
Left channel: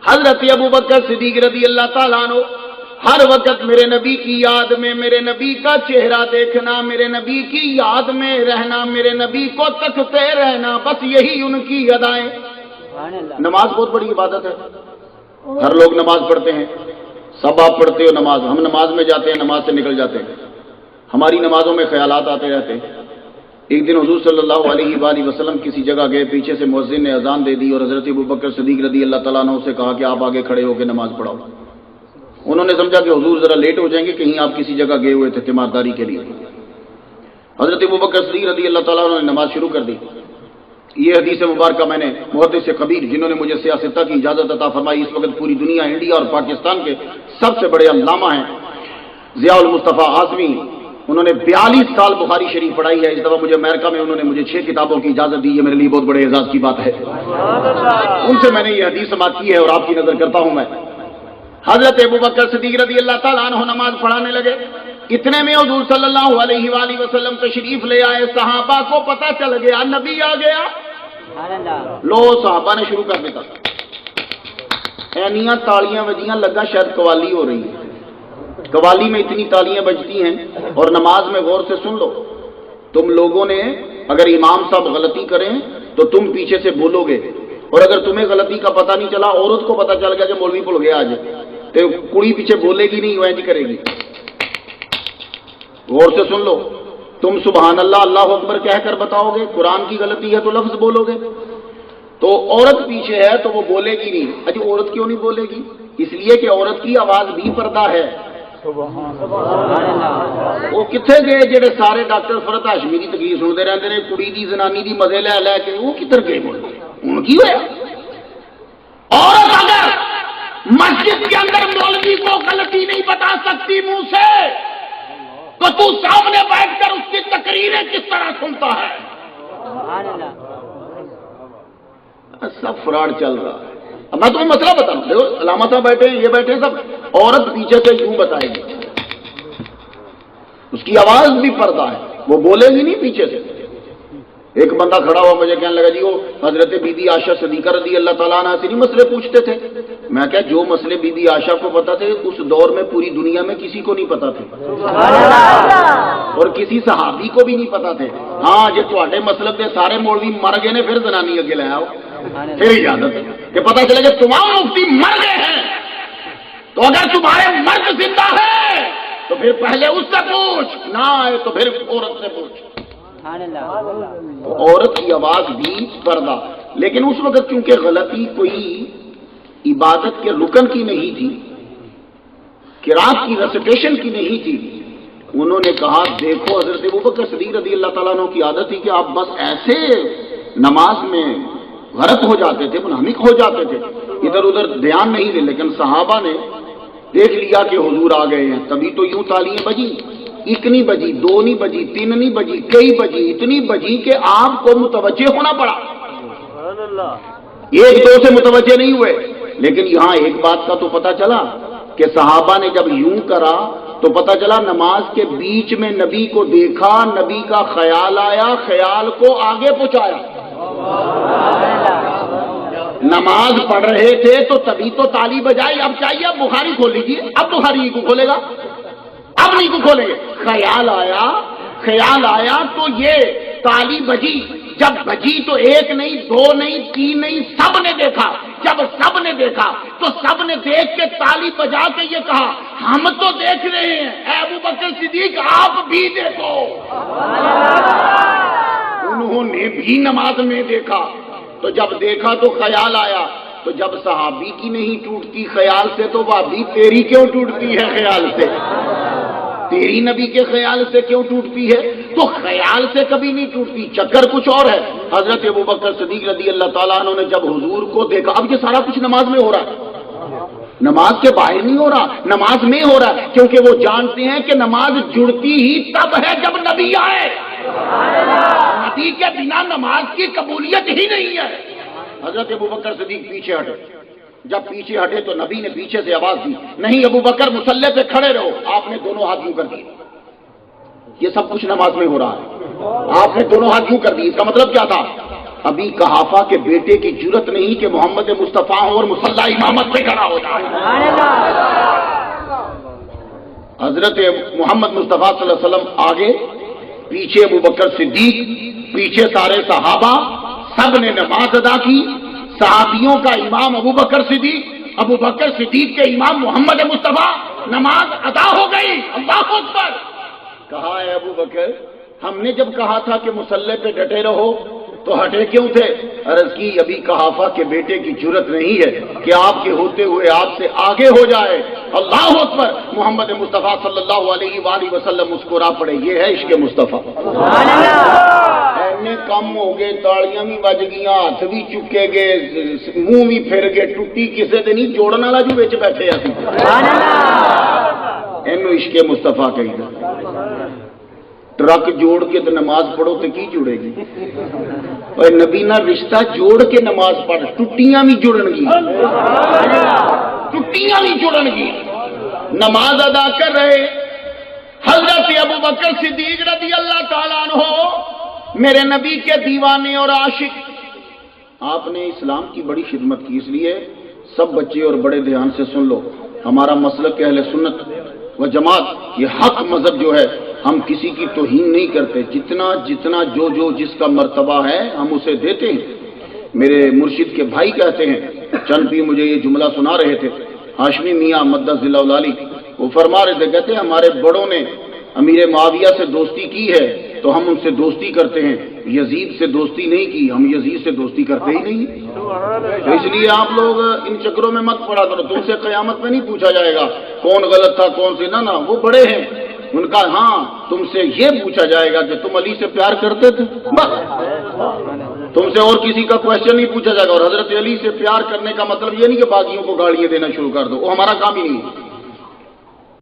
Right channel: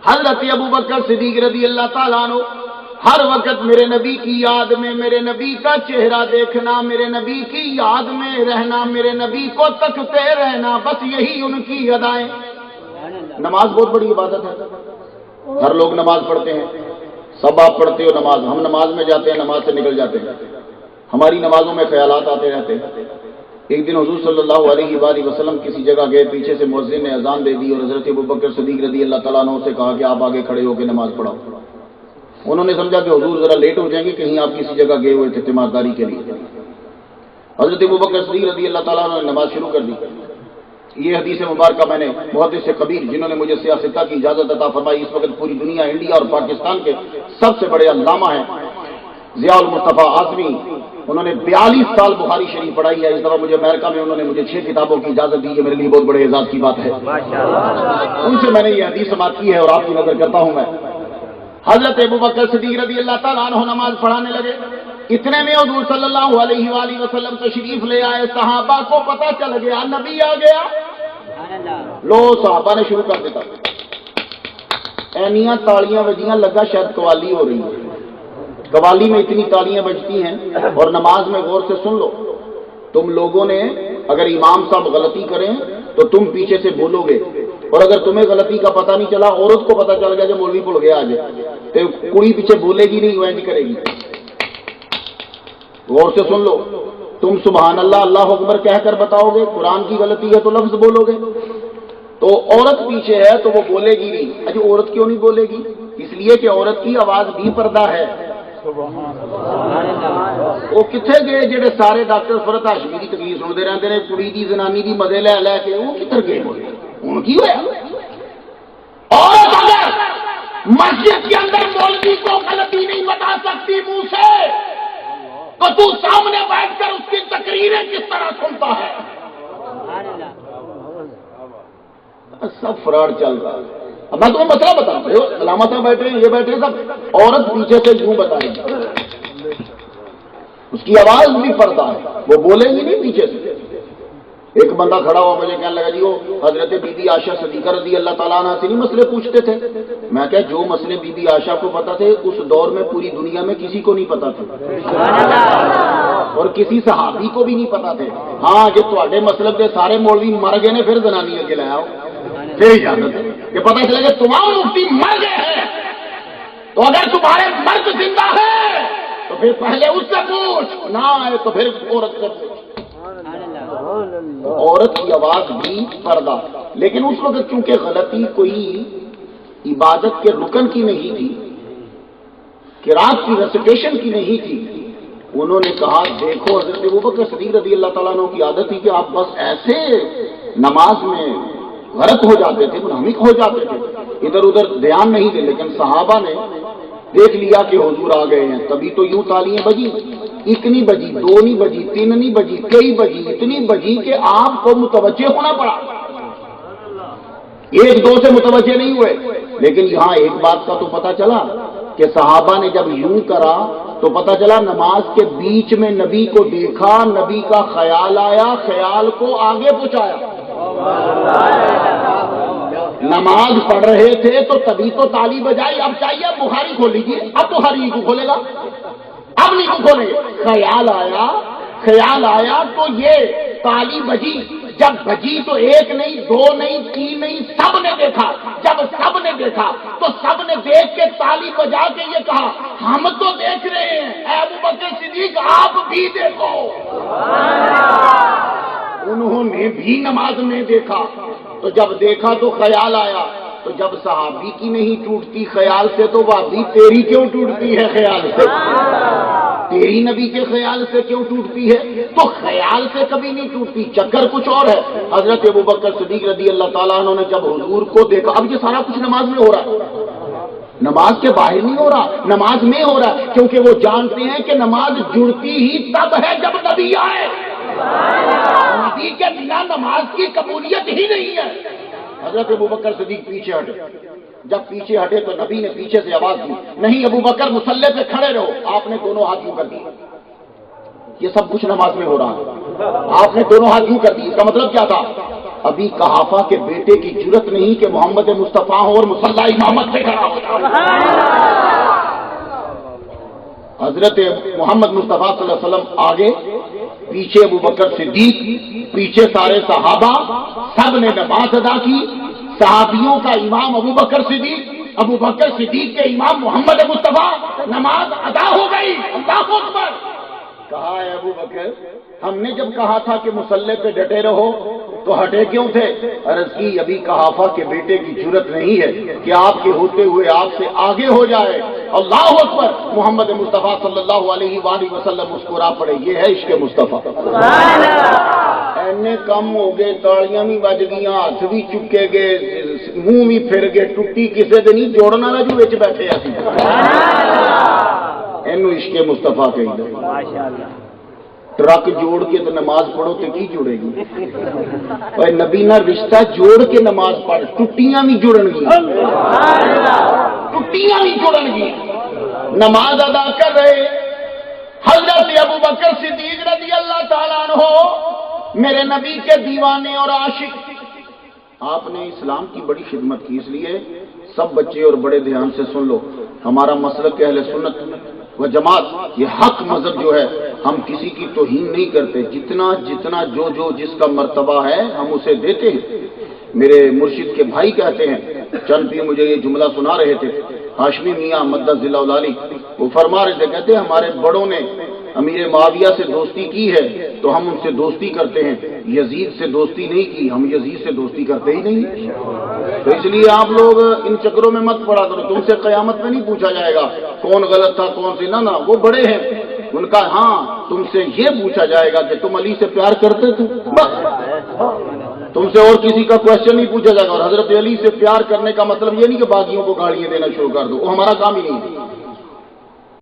حضرت ابوبکر صدیق رضی اللہ تعالیٰ عنہ ہر وقت میرے نبی کی یاد میں, میرے نبی کا چہرہ دیکھنا, میرے نبی کی یاد میں رہنا, میرے نبی کو تکتے رہنا, بس یہی ان کی ادائیں. نماز بہت بڑی عبادت ہے. ہر لوگ نماز پڑھتے ہیں, سب آپ پڑھتے ہو نماز. ہم نماز میں جاتے ہیں, نماز سے نکل جاتے ہیں, ہماری نمازوں میں خیالات آتے رہتے ہیں. ایک دن حضور صلی اللہ علیہ وآلہ وسلم کسی جگہ گئے, پیچھے سے مؤذن نے اذان دے دی اور حضرت ابوبکر صدیق رضی اللہ تعالیٰ عنہ سے کہا کہ آپ آگے کھڑے ہو کے نماز پڑھاؤ. انہوں نے سمجھا کہ حضور ذرا لیٹ ہو جائیں گے, کہیں آپ کسی جگہ گئے ہوئے تھے تیمارداری کے لیے. حضرت ابوبکر صدیق رضی اللہ تعالیٰ عنہ نے نماز شروع کر دی. یہ حدیث مبارکہ میں نے محدث کبیر جنہوں نے مجھے سیاستہ کی اجازت عطا فرمائی, اس وقت پوری دنیا, انڈیا اور پاکستان کے سب سے بڑے علامہ ہیں, ضیاء المصطفیٰ اعظمی. انہوں نے 42 سال بخاری شریف پڑھائی ہے. اس دفعہ مجھے امریکہ میں انہوں نے مجھے 6 کتابوں کی اجازت دی. یہ میرے لیے بہت بڑے اعزاز کی بات ہے. ان سے میں نے یہ حدیث سماعت کی ہے اور آپ کی نظر کرتا ہوں میں. حضرت ابوبکر صدیق رضی اللہ تعالیٰ عنہ نماز پڑھانے لگے. اتنے میں حضور صلی اللہ علیہ وآلہ وسلم تشریف لے آئے. صحابہ کو پتہ چل گیا نبی آ گیا. لو صحابہ نے شروع کر دیتا, اینیاں تالیاں بجیاں, لگا شاید قوالی ہو رہی ہے. قوالی میں اتنی تالیاں بجتی ہیں. اور نماز میں غور سے سن لو, تم لوگوں نے اگر امام صاحب غلطی کریں تو تم پیچھے سے بولو گے, اور اگر تمہیں غلطی کا پتہ نہیں چلا, عورت کو پتہ چل گیا کہ مولوی بھول گیا آج, تو کڑی پیچھے بولے گی نہیں, وہ نہیں کرے گی. غور سے سن لو, تم سبحان اللہ اللہ اکبر کہہ کر بتاؤ گے, قرآن کی غلطی ہے تو لفظ بولو گے, تو عورت پیچھے ہے تو وہ بولے گی نہیں. اجی عورت کیوں نہیں بولے گی؟ اس لیے کہ عورت کی آواز بھی پردہ ہے. وہ کتنے گئے جڑے سارے ڈاکٹر فرحت ہاشمی کی تقریر سنتے رہتے ہیں, کڑی دی زنانی دی مزے لے لے کے, وہ کدھر گئے بولے ان کی ہوا. عورت اگر مسجد کے اندر مولوی کو غلطی نہیں بتا سکتی منہ سے, تو تو سامنے بیٹھ کر اس کی تقریریں کس طرح سنتا ہے؟ سب فراڈ چل رہا ہے. اب میں تمہیں مسئلہ بتاؤں, علامہ صاحب بیٹھے یہ بیٹھے سب, عورت پیچھے سے کیوں بتائے گی؟ اس کی آواز بھی پردہ ہے, وہ بولے گی نہیں پیچھے سے. ایک بندہ کھڑا ہوا, مجھے کہنے لگا جی وہ حضرت بی بی عائشہ صدیقہ رضی اللہ تعالیٰ عنہ سے نہیں مسئلے پوچھتے تھے. میں کہا جو مسئلے بی بی عائشہ کو پتا تھے اس دور میں پوری دنیا میں کسی کو نہیں پتا تھے, اور کسی صحابی کو بھی نہیں پتا تھے. ہاں جی تھوڑے مسلک کے سارے مولوی مر گئے نے, پھر زنانی اگے لے آؤ, پھر اجازت ہے کہ پتا چلے کہ تمام مفتی مر گئے ہیں, تو اگر تمہارے مرد زندہ ہے تو پھر پہلے اس سے پوچھ, نہ آئے تو پھر عورت سے پوچھ. عورت کی آواز بھی پردہ. لیکن اس وقت چونکہ غلطی کوئی عبادت کے رکن کی نہیں تھی, قرات کی ریسیٹیشن کی نہیں تھی. انہوں نے کہا دیکھو حضرت ابوبکر صدیق رضی اللہ تعالیٰ عنہ کی عادت تھی کہ آپ بس ایسے نماز میں غرق ہو جاتے تھے، منہمک ہو جاتے تھے، ادھر ادھر دھیان نہیں دے. لیکن صحابہ نے دیکھ لیا کہ حضور آ گئے ہیں، تبھی تو یوں تالیاں بجی. ایک نہیں بجی، دو نہیں بجی، تین نہیں بجی، کئی بجی، اتنی بجی کہ آپ کو متوجہ ہونا پڑا. ایک دو سے متوجہ نہیں ہوئے. لیکن یہاں ایک بات کا تو پتا چلا کہ صحابہ نے جب یوں کرا تو پتا چلا نماز کے بیچ میں نبی کو دیکھا، نبی کا خیال آیا، خیال کو آگے پہنچایا. نماز پڑھ رہے تھے تو تبھی تو تالی بجائی. اب چاہیے اب بخاری کھول لیجیے، اب بخاری کو کھولے گا، اب نہیں کو کھولے گا. خیال آیا تو یہ تالی بجی. جب بجی تو ایک نہیں، دو نہیں، تین نہیں، سب نے دیکھا. جب سب نے دیکھا تو سب نے دیکھ کے تالی بجا کے یہ کہا ہم تو دیکھ رہے ہیں، اے ابوبکر صدیق آپ بھی دیکھو. انہوں نے بھی نماز میں دیکھا. تو جب دیکھا تو خیال آیا. تو جب صحابی کی نہیں ٹوٹتی خیال سے تو بھابھی تیری کیوں ٹوٹتی ہے خیال سے؟ تیری نبی کے خیال سے کیوں ٹوٹتی ہے؟ تو خیال سے کبھی نہیں ٹوٹتی. چکر کچھ اور ہے. حضرت ابوبکر صدیق رضی اللہ تعالیٰ عنہ نے جب حضور کو دیکھا، اب یہ سارا کچھ نماز میں ہو رہا ہے، نماز کے باہر نہیں ہو رہا، نماز میں ہو رہا ہے. کیونکہ وہ جانتے ہیں کہ نماز جڑتی ہی تب ہے جب نبی آئے. نبی کے بنا نماز کی قبولیت ہی نہیں ہے. حضرت ابوبکر صدیق پیچھے ہٹے. جب پیچھے ہٹے تو نبی نے پیچھے سے آواز دی، نہیں ابوبکر مصلی پہ کھڑے رہو. آپ نے دونوں ہاتھ یوں کر دیے. یہ سب کچھ نماز میں ہو رہا ہے، آپ نے دونوں ہاتھ یوں کر دی. اس کا مطلب کیا تھا؟ ابھی قحافہ کے بیٹے کی جرت نہیں کہ محمد مصطفیٰ ہو اور مصلی امامت پہ کھڑا ہو جائے. حضرت محمد مصطفیٰ صلی اللہ علیہ وسلم آگے، پیچھے ابوبکر صدیق، پیچھے سارے صحابہ، سب نے نماز ادا کی. صحابیوں کا امام ابوبکر صدیق کے امام محمد مصطفیٰ. نماز ادا ہو گئی. اللہ اکبر. کہا ہے ابوبکر ہم نے جب کہا تھا کہ مصلی پہ ڈٹے رہو تو ہٹے کیوں تھے؟ عرض کی ابھی قحافہ کے بیٹے کی جرت نہیں ہے کہ آپ کے ہوتے ہوئے آپ سے آگے ہو جائے. اللہ اکبر. محمد مصطفیٰ صلی اللہ علیہ وآلہ وسلم مسکرا پڑے. یہ ہے عشق مصطفیٰ. اینے کم ہو گئے، تاڑیاں بھی بج گئیاں، ہاتھ بھی چکے گئے، منہ بھی پھر گئے. ٹوٹی کسے دے نہیں، جوڑن والا جو وچ بیٹھے اسی. اینو عشق مصطفیٰ کہیں گے. ٹرک جوڑ کے تو نماز پڑھو تو کی جڑے گی؟ اور نبی نہ رشتہ جوڑ کے نماز پڑھ، ٹٹیاں بھی جڑن گی، ٹٹیاں بھی جڑن گی. نماز ادا کر رہے حضرت ابوبکر صدیق رضی اللہ تعالیٰ عنہ، میرے نبی کے دیوانے اور عاشق. آپ نے اسلام کی بڑی خدمت کی. اس لیے سب بچے اور بڑے دھیان سے سن لو. ہمارا مسلک اہل سنت و جماعت یہ حق مذہب جو ہے، ہم کسی کی توہین نہیں کرتے. جتنا جو جس کا مرتبہ ہے ہم اسے دیتے ہیں. میرے مرشد کے بھائی کہتے ہیں، چند بھی مجھے یہ جملہ سنا رہے تھے، ہاشمی میاں مدد ذلہ العالی، وہ فرما رہے تھے، کہتے ہیں ہمارے بڑوں نے امیر معاویہ سے دوستی کی ہے تو ہم ان سے دوستی کرتے ہیں. یزید سے دوستی نہیں کی، ہم یزید سے دوستی کرتے ہی نہیں. تو اس لیے آپ لوگ ان چکروں میں مت پڑا کرو. تم سے قیامت میں نہیں پوچھا جائے گا کون غلط تھا کون سی نہ، وہ بڑے ہیں ان کا. ہاں تم سے یہ پوچھا جائے گا کہ تم علی سے پیار کرتے تھے، بس. تم سے اور کسی کا کوشچن نہیں پوچھا جائے گا. اور حضرت علی سے پیار کرنے کا مطلب یہ نہیں کہ باغیوں کو گالیاں دینا شروع کر دو، وہ ہمارا کام ہی نہیں.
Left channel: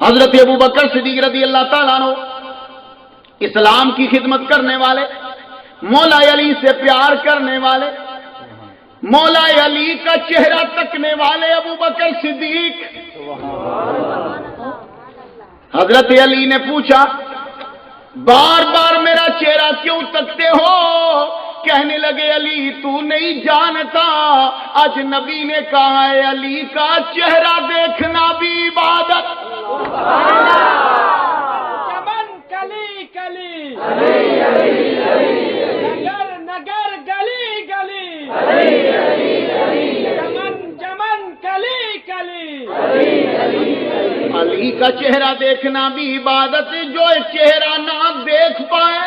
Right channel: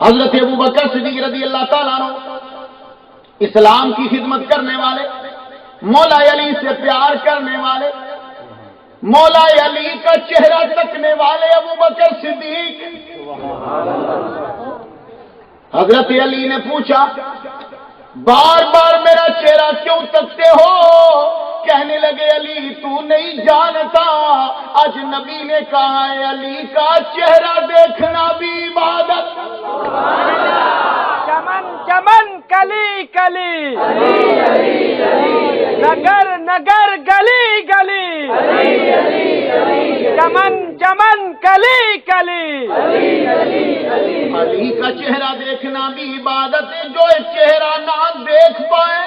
حضرت ابوبکر صدیق رضی اللہ تعالیٰ عنہ اسلام کی خدمت کرنے والے، مولا علی سے پیار کرنے والے، مولا علی کا چہرہ تکنے والے ابوبکر صدیق. حضرت علی نے پوچھا بار بار میرا چہرہ کیوں تکتے ہو؟ کہنے لگے علی تو نہیں جانتا، آج نبی نے کہا ہے علی کا چہرہ دیکھنا بھی عبادت. چمن کلی کلی، نگر نگر گلی گلی، چمن چمن کلی کلی. علی کا چہرہ دیکھنا بھی عبادت ہے. جو ایک چہرہ نہ دیکھ پائے،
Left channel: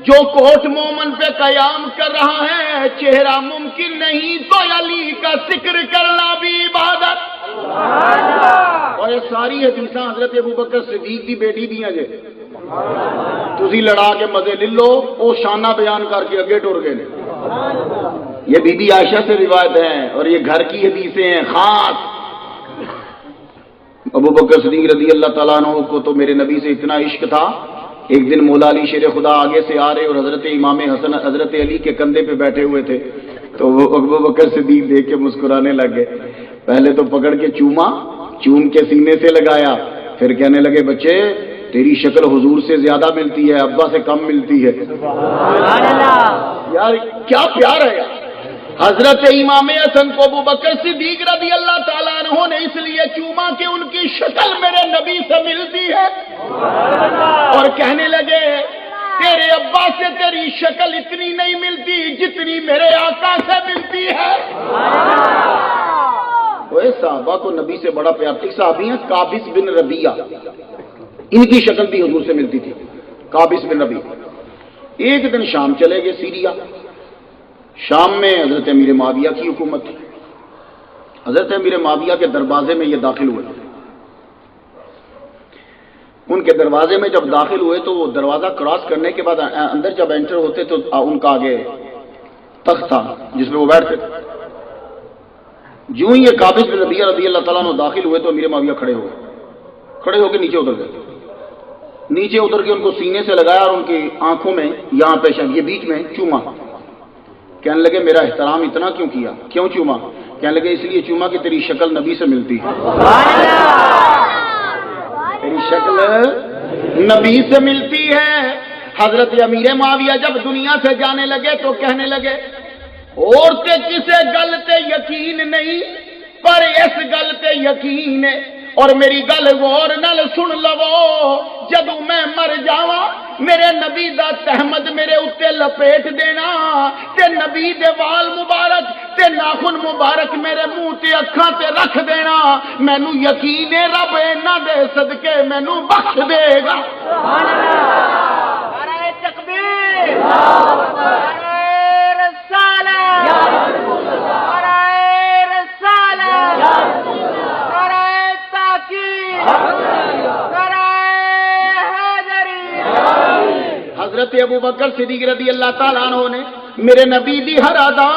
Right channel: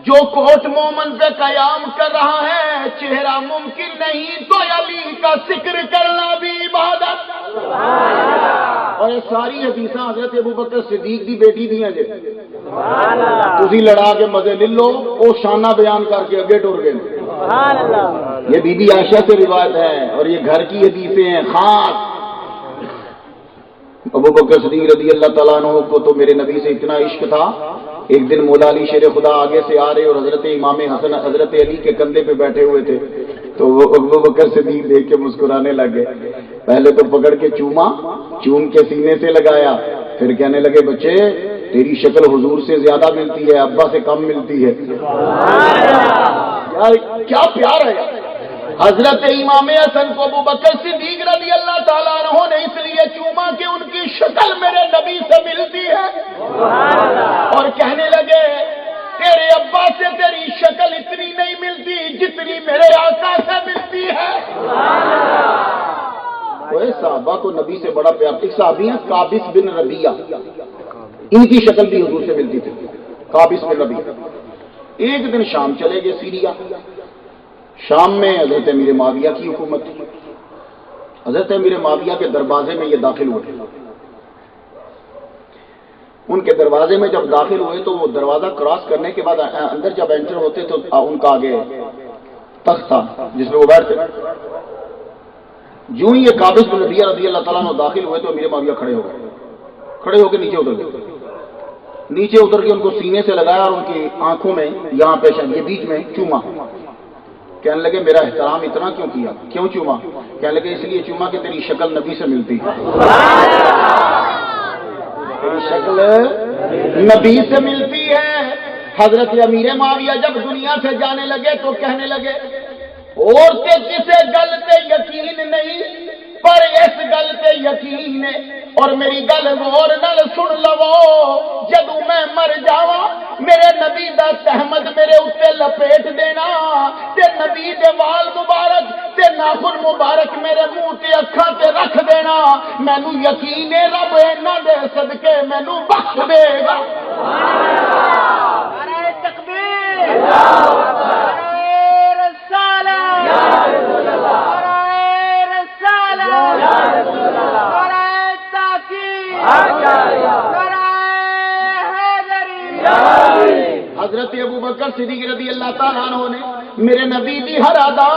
جو کوٹ مومن پہ قیام کر رہا ہے، چہرہ ممکن نہیں تو علی کا ذکر کرنا بھی عبادت. اور ساری حدیث حضرت ابو بکر صدیق دی بیٹی دیاں جے تسی لڑا کے مزے لے لو، وہ شانہ بیان کر کے اگے ٹر گئے۔ یہ بی بی عائشہ سے روایت ہے اور یہ گھر کی حدیثیں ہیں خاص۔ ابو بکر صدیق رضی اللہ تعالیٰ عنہ کو تو میرے نبی سے اتنا عشق تھا، ایک دن مولا علی شیر خدا آگے سے آ رہے اور حضرت امام حسن حضرت علی کے کندھے پہ بیٹھے ہوئے تھے، تو وہ ابو بکر صدیق دیکھ کے مسکرانے لگے۔ پہلے تو پکڑ کے چوما، چوم کے سینے سے لگایا، پھر کہنے لگے بچے تیری شکل حضور سے زیادہ ملتی ہے، ابا سے کم ملتی ہے۔ یار کیا پیار ہے۔ حضرت امام حسن کو ابو بکر صدیق رضی اللہ تعالیٰ عنہ نے اس لیے چوما کہ ان کی شکل میرے نبی سے ملتی ہے، اور کہنے لگے تیرے ابا سے تیری شکل اتنی نہیں ملتی جتنی میرے آقا سے ملتی ہے۔ وہ صحابہ کو نبی سے بڑا پیار تھا۔ صحابی ہیں قابس بن ربیعہ، ان کی شکل بھی حضور سے ملتی تھی، قابس بن ربیعہ۔ ایک دن شام چلے گئے سیریا، شام میں حضرت امیر معاویہ کی حکومت تھی۔ حضرت امیر معاویہ کے دروازے میں یہ داخل ہوئے، ان کے دروازے میں جب داخل ہوئے تو وہ دروازہ کراس کرنے کے بعد اندر جب انٹر ہوتے تو ان کا آگے تخت تھا جس میں وہ بیٹھتے۔ جو ہی یہ قابس بن ربیعہ رضی اللہ تعالیٰ عنہ داخل ہوئے تو امیر معاویہ کھڑے ہو گئے، کھڑے ہو کے نیچے اتر گئے، نیچے اتر کے ان کو سینے سے لگایا اور ان کی آنکھوں میں یہاں پیشن یہ بیچ میں چوما۔ کہنے لگے میرا احترام اتنا کیوں کیا، کیوں چوما؟ کہنے لگے اس لیے چوما کہ تیری شکل نبی سے ملتی ہے، تیری شکل نبی سے ملتی ہے۔ حضرت امیر معاویہ جب دنیا سے جانے لگے تو کہنے لگے اور تے کسے گل تے یقین نہیں پر اس گل تے یقین ہے، اور میری گل غور نال سن لو، جدوں میں مر جاواں میرے نبی دا تہمد میرے اوتے لپیٹ دینا تے نبی دے وال مبارک تے ناخن مبارک میرے منہ تے اکھاں تے رکھ دینا، مینوں یقین ہے رب انہاں دے صدقے مینوں بخش دے گا۔ نعرہ تکبیر، نعرہ رسالت، نعرہ رسالت، نعرہ تاکید، نعرہ حیدری۔ حضرت ابو بکر صدیق رضی اللہ تعالیٰ عنہ نے میرے نبی دی ہر ادا،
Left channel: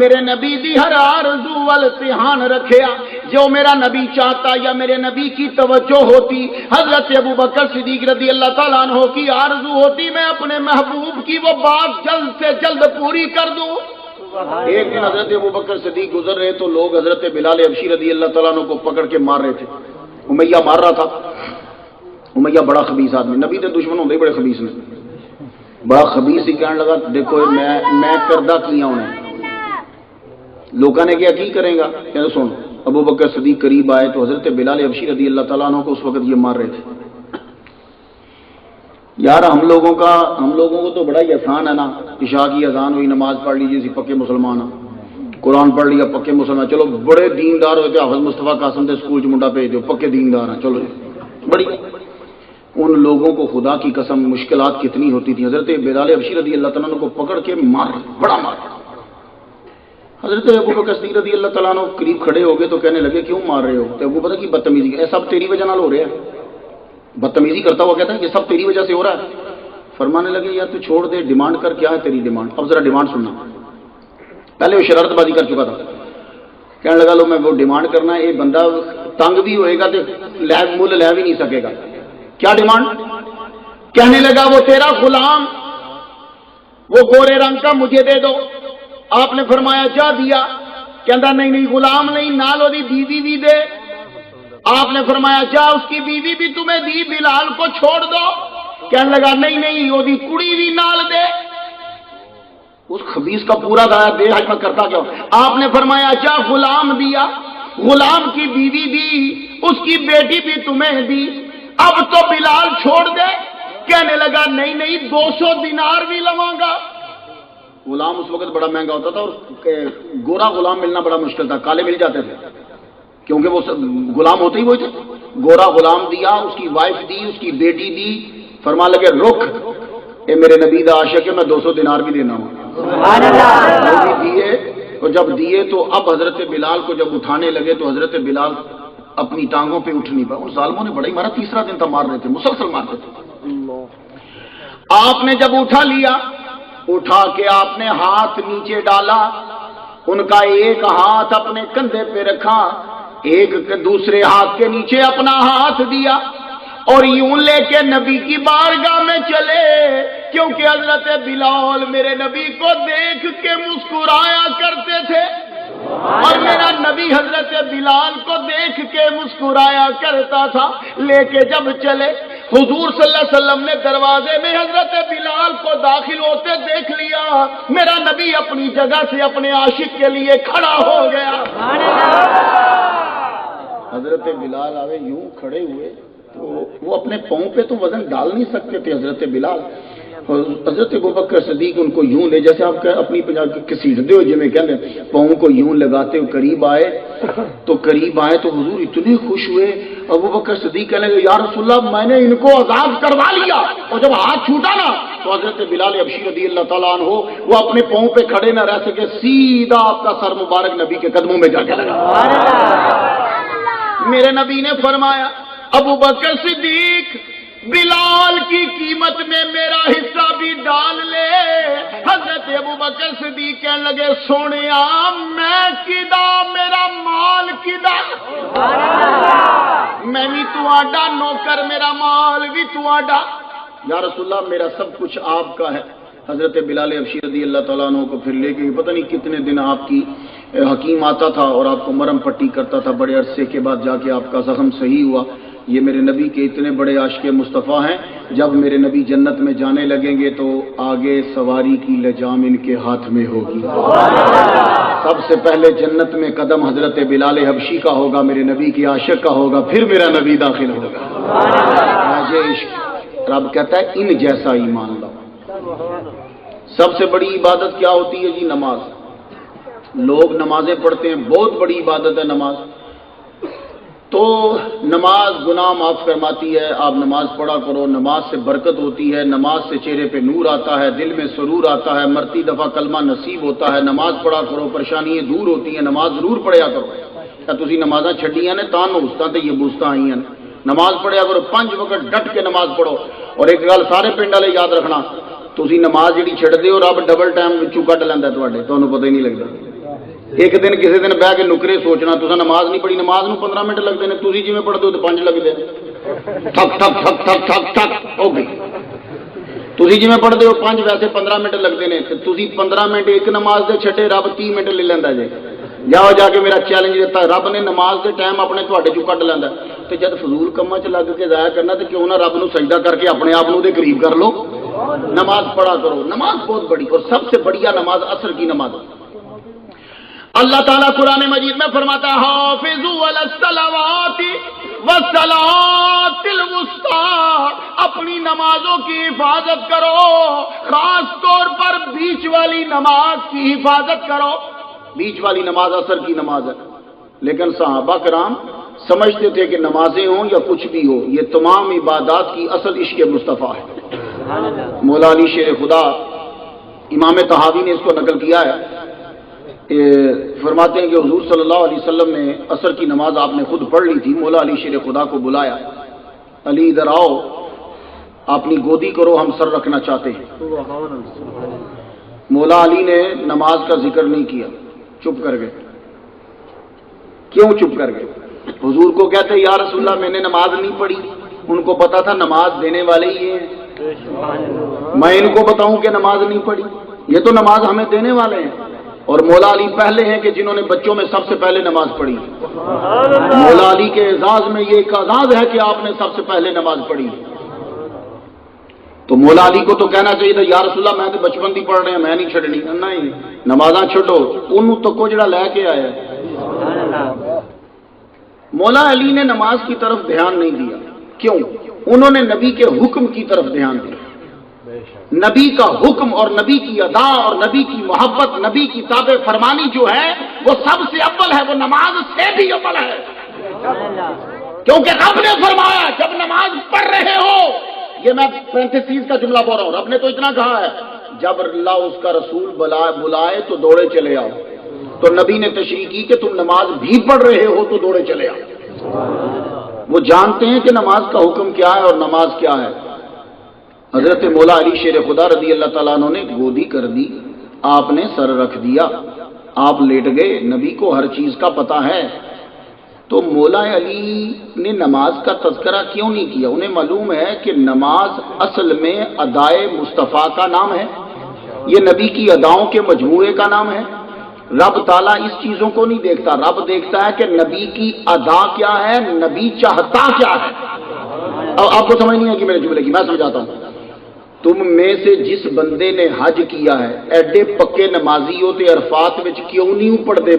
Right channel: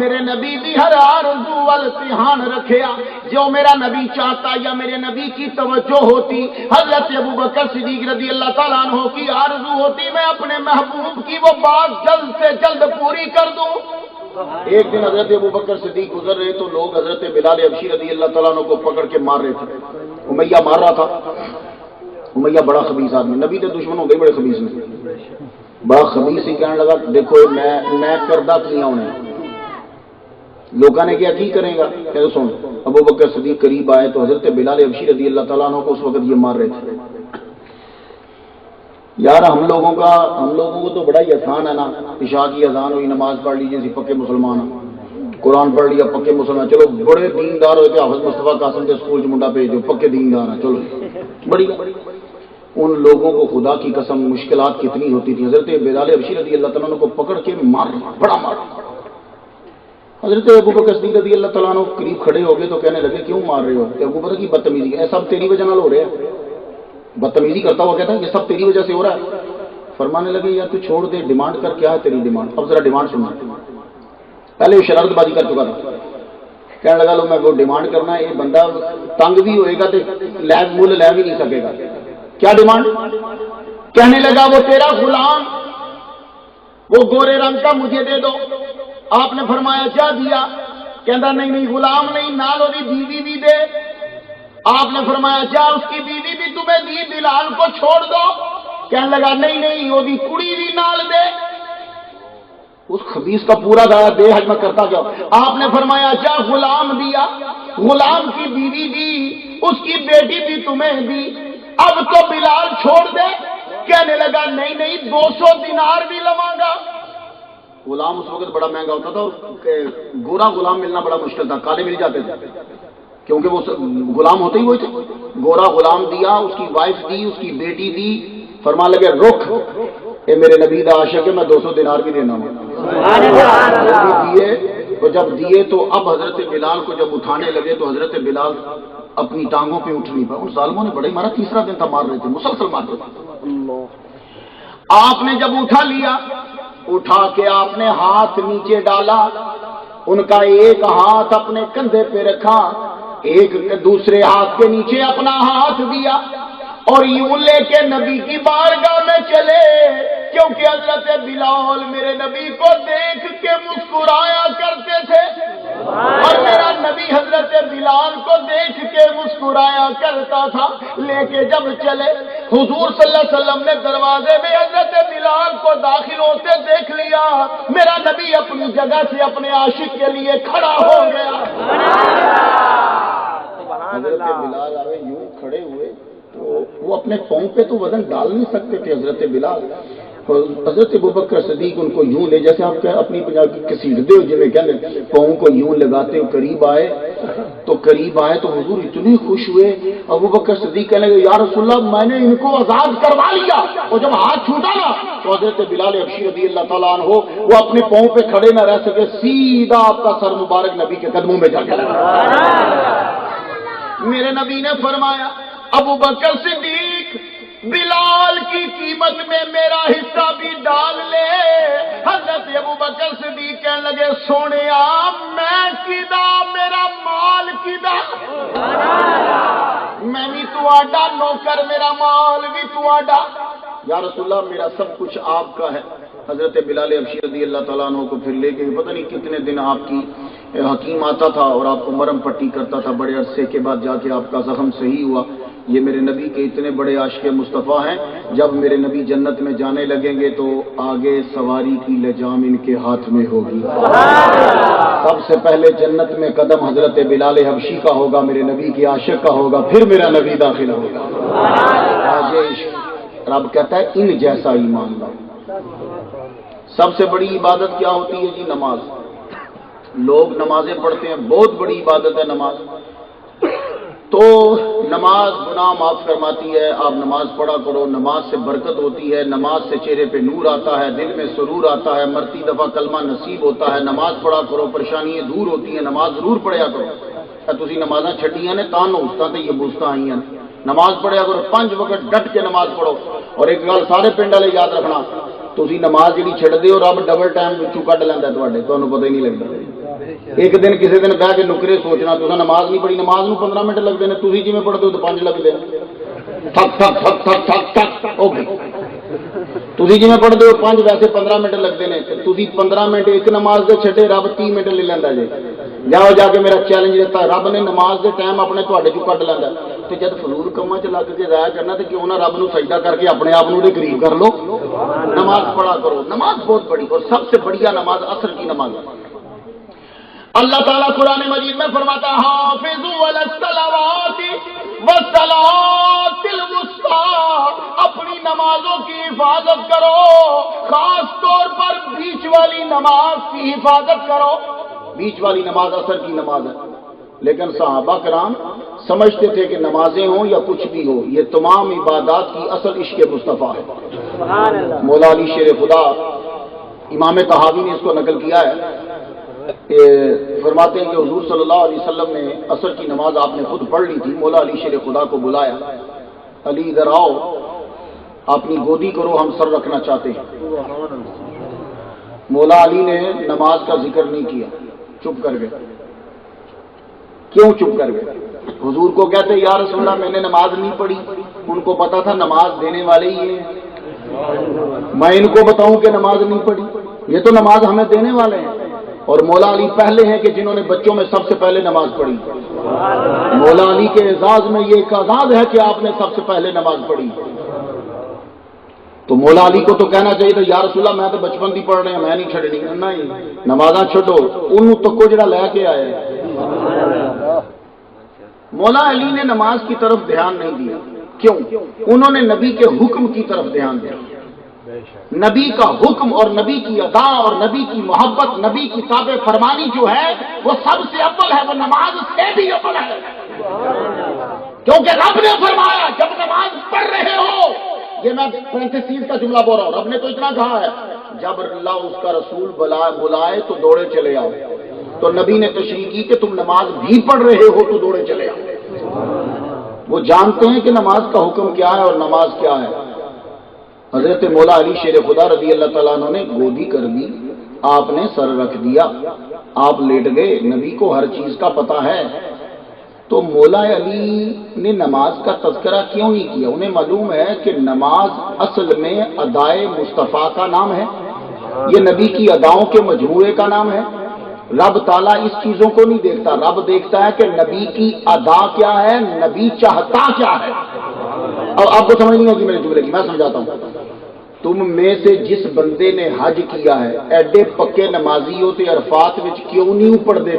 میرے نبی دی ہر آرزو وال دھیان رکھیا، جو میرا نبی چاہتا یا میرے نبی کی توجہ ہوتی، حضرت ابو بکر صدیق رضی اللہ تعالیٰ عنہ کی آرزو ہوتی میں اپنے محبوب کی وہ بات جلد سے جلد پوری کر دوں۔ ایک دن حضرت ابو بکر صدیق گزر رہے تو لوگ حضرت بلال حبشی رضی اللہ تعالیٰ عنہ کو پکڑ کے مار رہے تھے، امیہ مار رہا تھا۔ امیہ بڑا خبیث آدمی، نبی تے دشمن ہوندے بڑے خبیث نے، بڑا خبیث ہی کہنے لگا دیکھو میں کردہ کیا انہیں، لوگوں نے کیا کی کریں گا؟ کہ سن، ابو بکر صدیق قریب آئے تو حضرت بلال حبشی رضی اللہ تعالیٰ عنہ کو اس وقت یہ مار رہے تھے۔ یار ہم لوگوں کو تو بڑا ہی آسان ہے نا، عشاء کی اذان ہوئی نماز پڑھ لیجیے اسی پکے مسلمان ہیں، قرآن پڑھ لیا پکے مسلمان، چلو بڑے دیندار ہوئے کہ حافظ مصطفیٰ قاسم کے سکول منڈا بھیج دو پکے دیندار ہیں، چلو بڑی۔ ان لوگوں کو خدا کی قسم مشکلات کتنی ہوتی تھی، حضرت بلال حبشی رضی اللہ تعالیٰ عنہ کو پکڑ کے مار، بڑا مار۔ حضرت ابو بکر صدیق رضی اللہ تعالیٰ عنہ قریب کھڑے ہو گئے تو کہنے لگے کیوں مار رہے ہو؟ تو ابو بکر کی بدتمیزی، اے سب تیری وجہ نال ہو رہا ہے، بدتمیزی کرتا ہوا کہتا ہے کہ سب تیری وجہ سے ہو رہا ہے۔ فرمانے لگے یار تو چھوڑ دے، ڈیمانڈ کر، کیا ہے تیری ڈیمانڈ؟ اب ذرا ڈیمانڈ سننا۔ پہلے وہ شرارت بازی کر چکا تھا، کہنے لگا لو میں وہ ڈیمانڈ کرنا ہے، یہ بندہ تنگ بھی ہوئے گا تو مول لے بھی نہیں سکے گا۔ کیا ڈیمانڈ؟ کہنے لگا وہ تیرا غلام وہ گورے رنگ کا مجھے دے دو۔ آپ نے فرمایا جا دیا، کہندا نہیں غلام نہیں، نال دی بیوی بھی دے۔ آپ نے فرمایا جا اس کی بیوی بھی تمہیں دی، بلال کو چھوڑ دو۔ کہنے لگا نہیں وہ دی کڑی بھی نال دے۔ اس خبیث کا پورا دایا بے حج میں کرتا کیا؟ آپ نے فرمایا جا غلام دیا، غلام کی بیوی دی، اس کی بیٹی بھی تمہیں دی، اب تو بلال چھوڑ دے۔ کہنے لگا نہیں 200 دینار بھی لواں گا۔ غلام اس وقت بڑا مہنگا ہوتا تھا اور گورا غلام ملنا بڑا مشکل تھا، کالے مل جاتے تھے کیونکہ وہ غلام ہوتے ہی وہی تھے۔ گورا غلام دیا، اس کی وائف دی، اس کی بیٹی دی۔ فرما لگے رک، یہ میرے نبی دا عاشق ہے، میں 200 دینار بھی دینا ہوں۔ دیے تو جب دیے تو اب حضرت بلال کو جب اٹھانے لگے تو حضرت بلال اپنی ٹانگوں پہ اٹھ نہیں پایا. ان ظالموں نے بڑا ہی مارا, تیسرا دن تھا مار رہے تھے, مسلسل مار رہے تھے. آپ نے جب اٹھا لیا, اٹھا کے آپ نے ہاتھ نیچے ڈالا, ان کا ایک ہاتھ اپنے کندھے پہ رکھا, ایک دوسرے ہاتھ کے نیچے اپنا ہاتھ دیا, اور یوں لے کے نبی کی بارگاہ میں چلے, کیونکہ حضرت بلال میرے نبی کو دیکھ کے مسکرایا کرتے تھے, اور میرا نبی حضرت بلال کو دیکھ کے مسکرایا کرتا تھا. لے کے جب چلے, حضور صلی اللہ علیہ وسلم نے دروازے میں حضرت بلال کو داخل ہوتے دیکھ لیا. میرا نبی اپنی جگہ سے اپنے عاشق کے لیے کھڑا ہو گیا. حضرت بلال آئے, یوں کھڑے ہوئے تو وہ اپنے پاؤں پہ تو وزن ڈال نہیں سکتے تھے حضرت بلال. حضرت ابوبکر صدیق ان کو یوں لے, جیسے آپ اپنی کسیٹتے ہو جی میں کہہ لیں, پاؤں کو یوں لگاتے ہو, قریب آئے تو حضور اتنے خوش ہوئے. ابوبکر صدیق کہنے لگے یا رسول اللہ میں نے ان کو آزاد کروا لیا. اور جب ہاتھ چھوٹا نا تو حضرت بلال حبشی رضی اللہ تعالیٰ عنہ وہ اپنے پاؤں پہ کھڑے نہ رہ سکے, سیدھا آپ کا سر مبارک نبی کے قدموں میں جا کے لگا. میرے نبی نے فرمایا ابوبکر صدیق بلال کی قیمت میں میرا حصہ بھی ڈال لے. حضرت ابوبکر صدیق کہنے لگے سونے میں کدا, میرا مال کدا, میں بھی تو آڈا نوکر, میرا مال بھی تو آڈا. یا رسول اللہ میرا سب کچھ آپ کا ہے. حضرت بلال حبشی رضی اللہ تعالیٰ عنہ کو پھر لے کے پتہ نہیں کتنے دن آپ کی حکیم آتا تھا اور آپ کو مرم پٹی کرتا تھا. بڑے عرصے کے بعد جا کے آپ کا زخم صحیح ہوا. یہ میرے نبی کے اتنے بڑے عاشق مصطفیٰ ہیں, جب میرے نبی جنت میں جانے لگیں گے تو آگے سواری کی لجام ان کے ہاتھ میں ہوگی. سب سے پہلے جنت میں قدم حضرت بلال حبشی کا ہوگا, میرے نبی کے عاشق کا ہوگا, پھر میرا نبی داخل ہوگا. آج عشق رب کہتا ہے ان جیسا ایمان لاؤ. سب سے بڑی عبادت کیا ہوتی ہے جی؟ نماز. لوگ نمازیں پڑھتے ہیں, بہت بڑی عبادت ہے نماز. تو نماز گناہ معاف فرماتی ہے, آپ نماز پڑھا کرو, نماز سے برکت ہوتی ہے, نماز سے چہرے پہ نور آتا ہے, دل میں سرور آتا ہے, مرتی دفعہ کلمہ نصیب ہوتا ہے. نماز پڑھا کرو, پریشانیاں دور ہوتی ہیں, نماز ضرور پڑھیا کرو. کیا تسی نمازاں چھڈیاں نے تاں نوستاں تے یہ بوستاں آئی ہیں. نماز پڑھیا کرو, 5 وقت ڈٹ کے نماز پڑھو. اور ایک گل سارے پنڈ والے یاد رکھنا, تسی نماز جڑی چھڈ دیو رب ڈبل ٹائم وچوں کڈ لیندا تواڈے, تانوں پتہ ہی نہیں لگدا. ایک دن کسی دن بہ کے نکرے سوچنا تو نماز نہیں پڑھی, نماز نو 15 منٹ لگتے ہیں, تھی جی پڑھتے ہو تو 5 لگتے ہیں. ٹھک ٹھک ٹھک ٹھک ٹھک ٹھک ہو گئی. تھی جی پڑھتے ہو 5, ویسے 15 منٹ لگتے ہیں. تھی 15 منٹ ایک نماز دے چھٹے, رب 30 منٹ لے لینا جی. جاؤ جا کے میرا چیلنج دیتا, رب نے نماز دے ٹائم اپنے تھوڑے چوں کٹ لینا. تو جب فضول کما چ لگ کے ضائع کرنا تو کیوں نہ رب نو سجدہ کر کے اپنے آپ دے قریب کر لو. نماز پڑھا کرو. نماز بہت بڑی, اور سب سے بڑھیا نماز عصر کی نماز. اللہ تعالیٰ قرآن مجید میں فرماتا ہے حافظوا علی الصلوات والصلاۃ الوسطیٰ, اپنی نمازوں کی حفاظت کرو, خاص طور پر بیچ والی نماز کی حفاظت کرو. بیچ والی نماز عصر کی نماز ہے. لیکن صحابہ کرام سمجھتے تھے کہ نمازیں ہوں یا کچھ بھی ہو, یہ تمام عبادات کی اصل عشق مصطفیٰ ہے. مولا علی شیر خدا امام طحاوی نے اس کو نقل کیا ہے, فرماتے ہیں کہ حضور صلی اللہ علیہ وسلم نے عصر کی نماز آپ نے خود پڑھ لی تھی. مولا علی شیر خدا کو بلایا, علی ادھر آؤ, اپنی گودی کرو, ہم سر رکھنا چاہتے ہیں. مولا علی نے نماز کا ذکر نہیں کیا, چپ کر گئے. کیوں چپ کر گئے؟ حضور کو کہتے یا رسول اللہ میں نے نماز نہیں پڑھی. ان کو پتا تھا نماز دینے والے ہی ہیں, میں ان کو بتاؤں کہ نماز نہیں پڑھی, یہ تو نماز ہمیں دینے والے ہیں. اور مولا علی پہلے ہیں کہ جنہوں نے بچوں میں سب سے پہلے نماز پڑھی. مولا علی کے اعزاز میں یہ ایک اعزاز ہے کہ آپ نے سب سے پہلے نماز پڑھی. تو مولا علی کو تو کہنا چاہیے تھا یا رسول اللہ میں تو بچپن تھی پڑھ رہے ہیں, میں نہیں چھڑنی. نہیں, نمازاں چھڈو, انہوں تکو جڑا لے کے آیا ہے. مولا علی نے نماز کی طرف دھیان نہیں دیا. کیوں؟ انہوں نے نبی کے حکم کی طرف دھیان دیا. نبی کا حکم اور نبی کی ادا اور نبی کی محبت, نبی کی تابع فرمانی جو ہے وہ سب سے اول ہے, وہ نماز سے بھی اول ہے. کیونکہ رب نے فرمایا جب نماز پڑھ رہے ہو, یہ میں 35 کا جملہ بول رہا ہوں, رب نے تو اتنا کہا ہے جب اللہ اس کا رسول بلائے تو دوڑے چلے آؤ. تو نبی نے تشریح کی کہ تم نماز بھی پڑھ رہے ہو تو دوڑے چلے آؤ. وہ جانتے ہیں کہ نماز کا حکم کیا ہے اور نماز کیا ہے۔ حضرت مولا علی شیر خدا رضی اللہ تعالیٰ عنہ نے گودی کر دی، آپ نے سر رکھ دیا، آپ لیٹ گئے، نبی کو ہر چیز کا پتہ ہے۔ تو مولا علی نے نماز کا تذکرہ کیوں نہیں کیا؟ انہیں معلوم ہے کہ نماز اصل میں ادائے مصطفیٰ کا نام ہے، یہ نبی کی اداؤں کے مجموعے کا نام ہے۔ رب تعالیٰ اس چیزوں کو نہیں دیکھتا، رب دیکھتا ہے کہ نبی کی ادا کیا ہے، نبی چاہتا کیا ہے۔ اب آپ کو سمجھ نہیں ہے کہ میرے جملے کی، میں سمجھاتا ہوں۔ تم میں سے جس بندے نے حج کیا ہے، ایڈے پکے نمازی ہوتے عرفات میں کیوں نہیں پڑھتے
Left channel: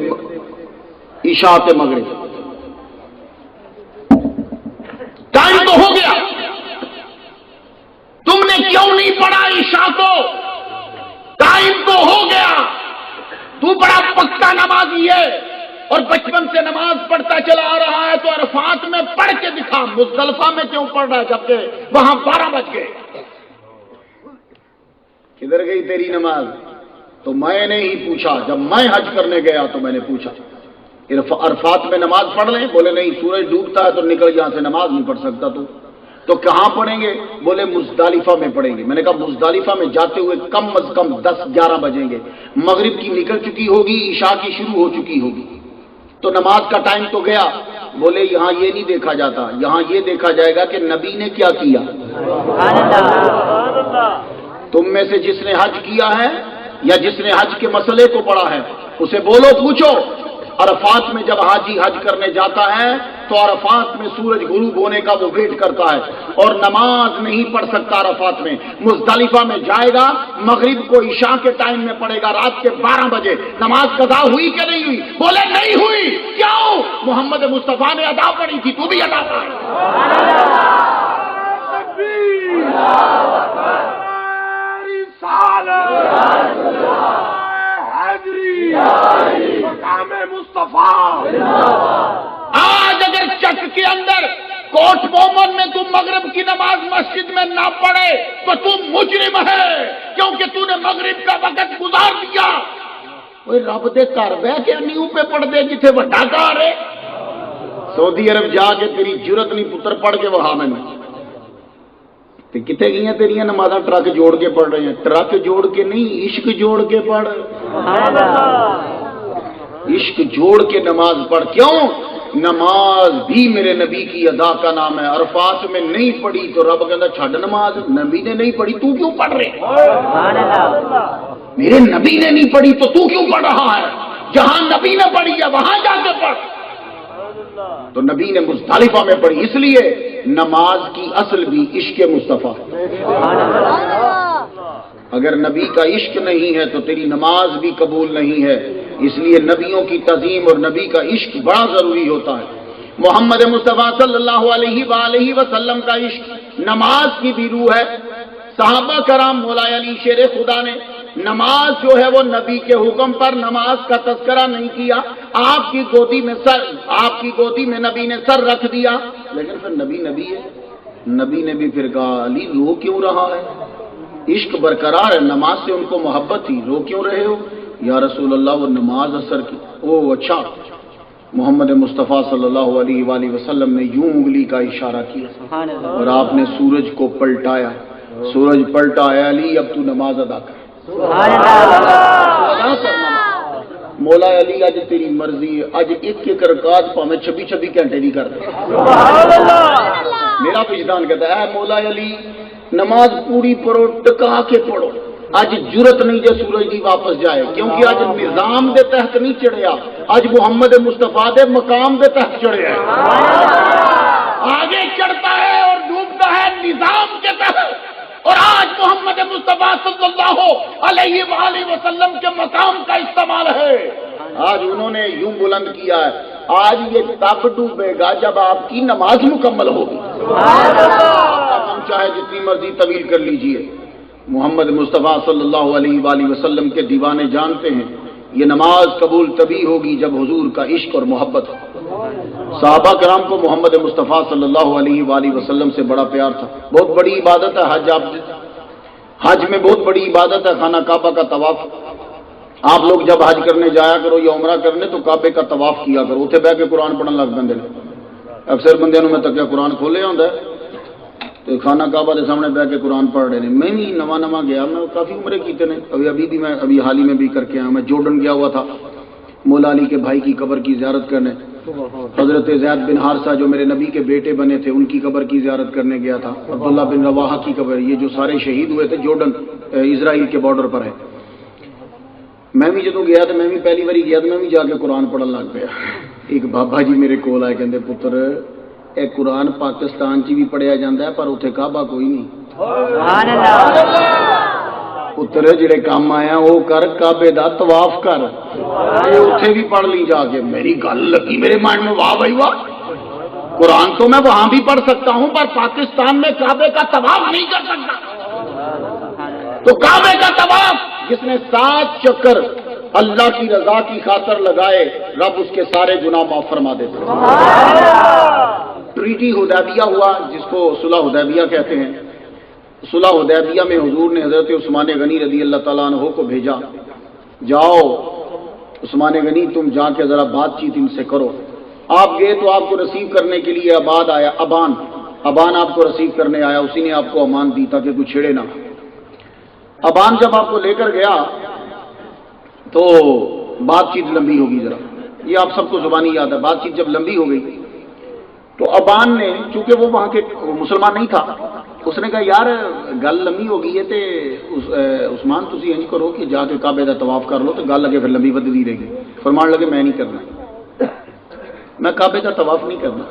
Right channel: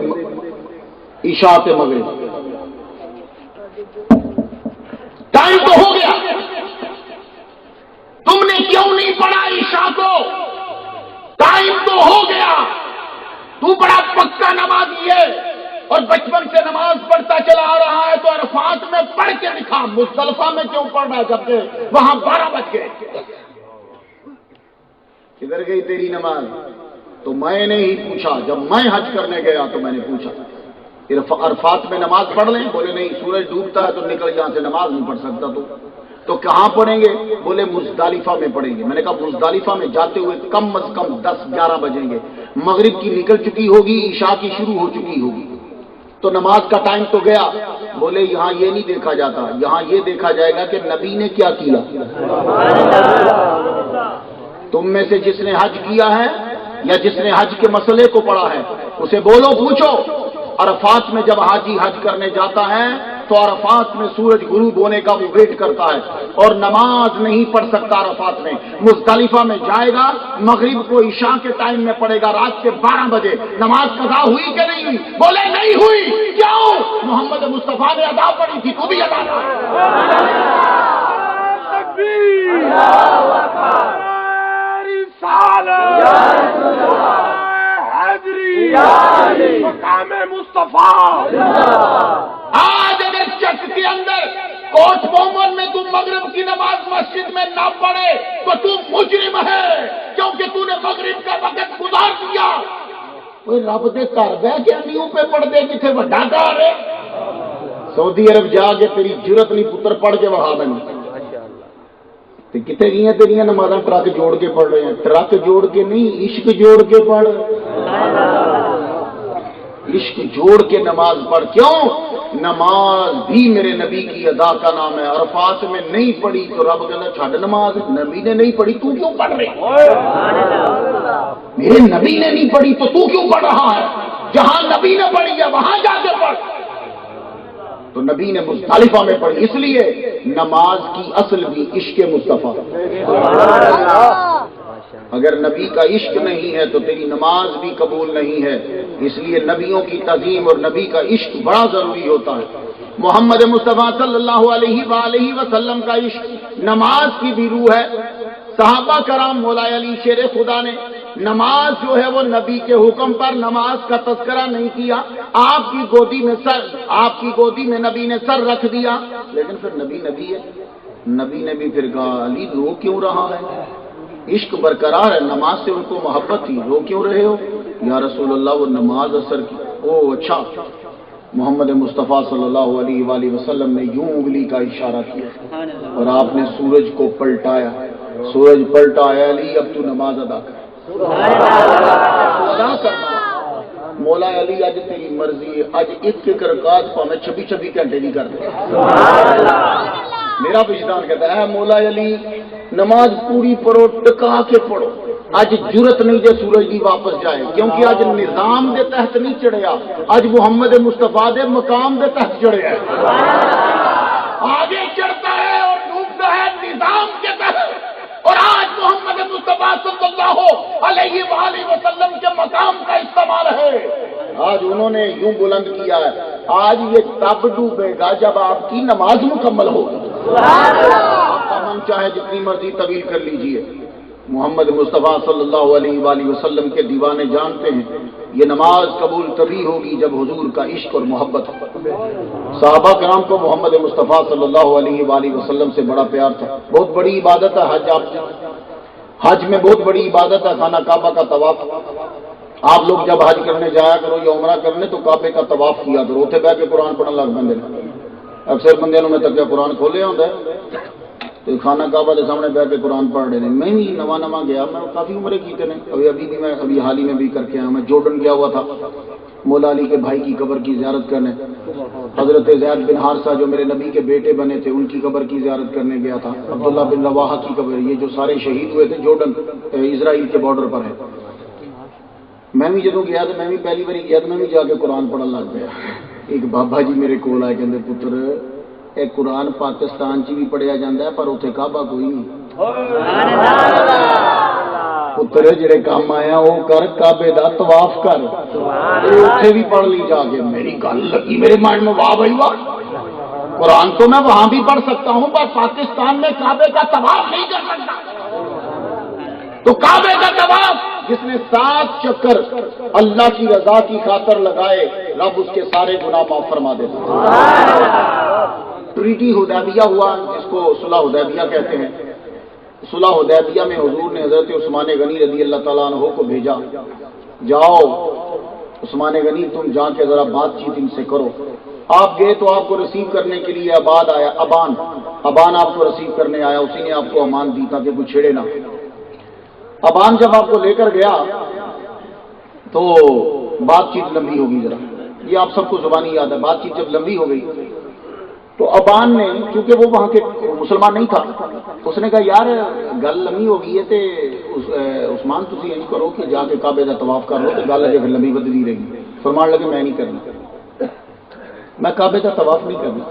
عشاء کے مغرب؟ ٹائم تو ہو گیا، تم نے کیوں نہیں پڑھا عشاء کو؟ ٹائم تو ہو گیا، تو بڑا پکا نمازی ہے اور بچپن سے نماز پڑھتا چلا آ رہا ہے، تو عرفات میں پڑھ کے دکھا، مزدلفہ میں کیوں پڑھ رہا ہے جبکہ وہاں 12 بج گئے؟ کدھر گئی تیری نماز؟ تو میں نے ہی پوچھا، جب میں حج کرنے گیا تو میں نے پوچھا عرفات میں نماز پڑھ لیں؟ بولے نہیں، سورج ڈوبتا ہے تو نکل یہاں سے، نماز نہیں پڑھ سکتا تو کہاں پڑھیں گے؟ بولے مزدلفہ میں پڑھیں گے۔ میں نے کہا مزدلفہ میں جاتے ہوئے کم از کم 10-11 بجیں گے، مغرب کی نکل چکی ہوگی، عشاء کی شروع ہو چکی ہوگی، تو نماز کا ٹائم تو گیا۔ بولے یہاں یہ نہیں دیکھا جاتا، یہاں یہ دیکھا جائے گا کہ نبی نے کیا کیا۔ تم میں سے جس نے حج کیا ہے یا جس نے حج کے مسئلے کو پڑھا ہے، اسے بولو، پوچھو، عرفات میں جب حاجی حج کرنے جاتا ہے تو عرفات میں سورج غروب ہونے کا وہ ویٹ کرتا ہے اور نماز نہیں پڑھ سکتا عرفات میں۔ مزدلفہ میں جائے گا، مغرب کو عشاء کے ٹائم میں پڑھے گا، رات کے 12 بجے۔ نماز قضا ہوئی کہ نہیں ہوئی؟ بولے نہیں ہوئی۔ کیوں؟ محمد مصطفیٰ نے ادا پڑھی تھی، تو بھی ادا کر۔ مقام مصطفیٰ آج اگر چک کے اندر کوٹ مومن میں تم مغرب کی نماز مسجد میں نہ پڑھے تو تم مجرم ہے، کیونکہ تو نے مغرب کا وقت گزار دیا۔ وہ رب دے گھر بہ کے نیو پہ پڑھ دے، کتنے بڑا گھر ہے۔ سعودی عرب جا کے تیری جرت نہیں پتر پڑھ کے وہاں میں کتنے گئی ہیں تیریاں نمازاں؟ ٹرک جوڑ کے پڑھ رہے ہیں، ٹرک جوڑ کے نہیں، عشق جوڑ کے پڑھ، عشق جوڑ کے نماز پڑھ۔ کیوں؟ نماز بھی میرے نبی کی ادا کا نام ہے۔ عرفات میں نہیں پڑھی تو رب کہتا چھڈ نماز، نبی نے نہیں پڑھی تو کیوں پڑھ رہے؟ میرے نبی نے نہیں پڑھی تو کیوں پڑھ رہا ہے؟ جہاں نبی نے پڑھی ہے وہاں جا کے پڑھ۔ تو نبی نے مزدلفہ میں پڑھی، اس لیے نماز کی اصل بھی عشق مصطفیٰ۔ اگر نبی کا عشق نہیں ہے تو تیری نماز بھی قبول نہیں ہے۔ اس لیے نبیوں کی تعظیم اور نبی کا عشق بڑا ضروری ہوتا ہے۔ محمد مصطفیٰ صلی اللہ علیہ وآلہ وسلم کا عشق نماز کی بھی روح ہے۔ صحابہ کرام مولا علی شیر خدا نے نماز جو ہے وہ نبی کے حکم پر نماز کا تذکرہ نہیں کیا، آپ کی گودی میں نبی نے سر رکھ دیا، لیکن پھر نبی ہے، نبی نے بھی پھر کہا علی رو کیوں رہا ہے؟ عشق برقرار ہے، نماز سے ان کو محبت تھی، رو کیوں رہے ہو؟ یا رسول اللہ وہ نماز اثر کی۔ او اچھا، محمد مصطفیٰ صلی اللہ علیہ وآلہ وسلم نے یوں انگلی کا اشارہ کیا اور آپ نے سورج کو پلٹایا، سورج پلٹا ہے علی اب تو نماز ادا کر، ادا کرنا۔ مولا علی اج تیری مرضی ہے، اج ایک رکعت پاویں 26 گھنٹے نہیں کرتے۔ میرا وجدان کہتا ہے مولا علی نماز پوری پڑھو، ٹکا کے پڑھو، اج جرت نہیں جے سورج دی واپس جائے، کیونکہ اج نظام دے تحت نہیں چڑھیا، اج محمد مصطفیٰ دے مقام دے تحت چڑھیا ہے۔ آگے چڑھتا ہے اور ڈوبتا ہے نظام کے تحت، اور آج محمد مصطفیٰ صلی اللہ علیہ وآلہ وسلم کے مقام کا استعمال ہے۔ آج انہوں نے یوں بلند کیا ہے، آج یہ تب ڈوبے گا جب آپ کی نماز مکمل ہوگی۔ ہم چاہے جتنی مرضی طویل کر لیجئے، محمد مصطفیٰ صلی اللہ علیہ وآلہ وسلم کے دیوانے جانتے ہیں یہ نماز قبول تبھی ہوگی جب حضور کا عشق اور محبت ہو۔ صحابہ کرام کو محمد مصطفیٰ صلی اللہ علیہ وآلہ وسلم سے بڑا پیار تھا۔ بہت بڑی عبادت ہے حج میں بہت بڑی عبادت ہے خانہ کعبہ کا طواف۔ آپ لوگ جب حج کرنے جایا کرو یا عمرہ کرنے تو کعبے کا طواف کیا کرو، اتنے بہ کے قرآن پڑھنے لگ پہ اکثر بندے میں تکیا قرآن کھولیا ہوتا ہے تو خانہ کعبہ کے سامنے بیٹھ کے قرآن پڑھ رہے ہیں. میں بھی نواں گیا, میں کافی عمریں کیتے ہیں, ابھی حال ہی میں بھی کر کے آیا. میں جورڈن گیا ہوا تھا مولا علی کے بھائی کی قبر کی زیارت کرنے. حضرت زید بن حارثہ جو میرے نبی کے بیٹے بنے تھے ان کی قبر کی زیارت کرنے گیا تھا. عبداللہ بن رواحہ کی قبر, یہ جو سارے شہید ہوئے تھے جورڈن اسرائیل کے بارڈر پر ہے. میں بھی جدوں گیا تو میں بھی پہلی باری گیا تو میں بھی جا کے قرآن پڑھن لگ پیا. ایک بابا جی میرے کول آئے, کہندے پتر اے قرآن پاکستان چ بھی پڑھیا جاتا ہے پر اتنے کعبہ کوئی نہیں. پتر جڑے کام آیا وہ کر, کعبے دا طواف کر, اتنے بھی پڑھ لی جا کے. میری گل لگی میرے مائنڈ میں, واہ بھائی واہ, قرآن تو میں وہاں بھی پڑھ سکتا ہوں پر پاکستان میں کعبے کا طواف نہیں کر سکتا. تو کعبے کا طواف جس نے 7 چکر اللہ کی رضا کی خاطر لگائے, رب اس کے سارے گناہ معاف فرما دیتے. ٹریٹی حدیبیہ ہوا جس کو صلح حدیبیہ کہتے ہیں. صلح حدیبیہ میں حضور نے حضرت عثمان غنی رضی اللہ تعالیٰ عنہ کو بھیجا, جاؤ عثمان غنی تم جا کے ذرا بات چیت ان سے کرو. آپ گئے تو آپ کو ریسیو کرنے کے لیے ابان آپ کو ریسیو کرنے آیا, اسی نے آپ کو امان دی تاکہ کوئی چھیڑے نہ. ابان جب آپ کو لے کر گیا تو بات چیت لمبی ہوگی ذرا, یہ آپ سب کو زبانی یاد ہے. بات چیت جب لمبی ہو گئی تو ابان نے, چونکہ وہ وہاں کے مسلمان نہیں تھا, اس نے کہا یار گل لمبی ہو گئی ہے تے عثمان تسی یہ کرو کہ جا کے کعبے کا طواف کر لو تو گل اگے پھر لمبی بدلی رہے گی. فرمان لگے میں نہیں کرنا, میں کعبے کا طواف نہیں کرنا.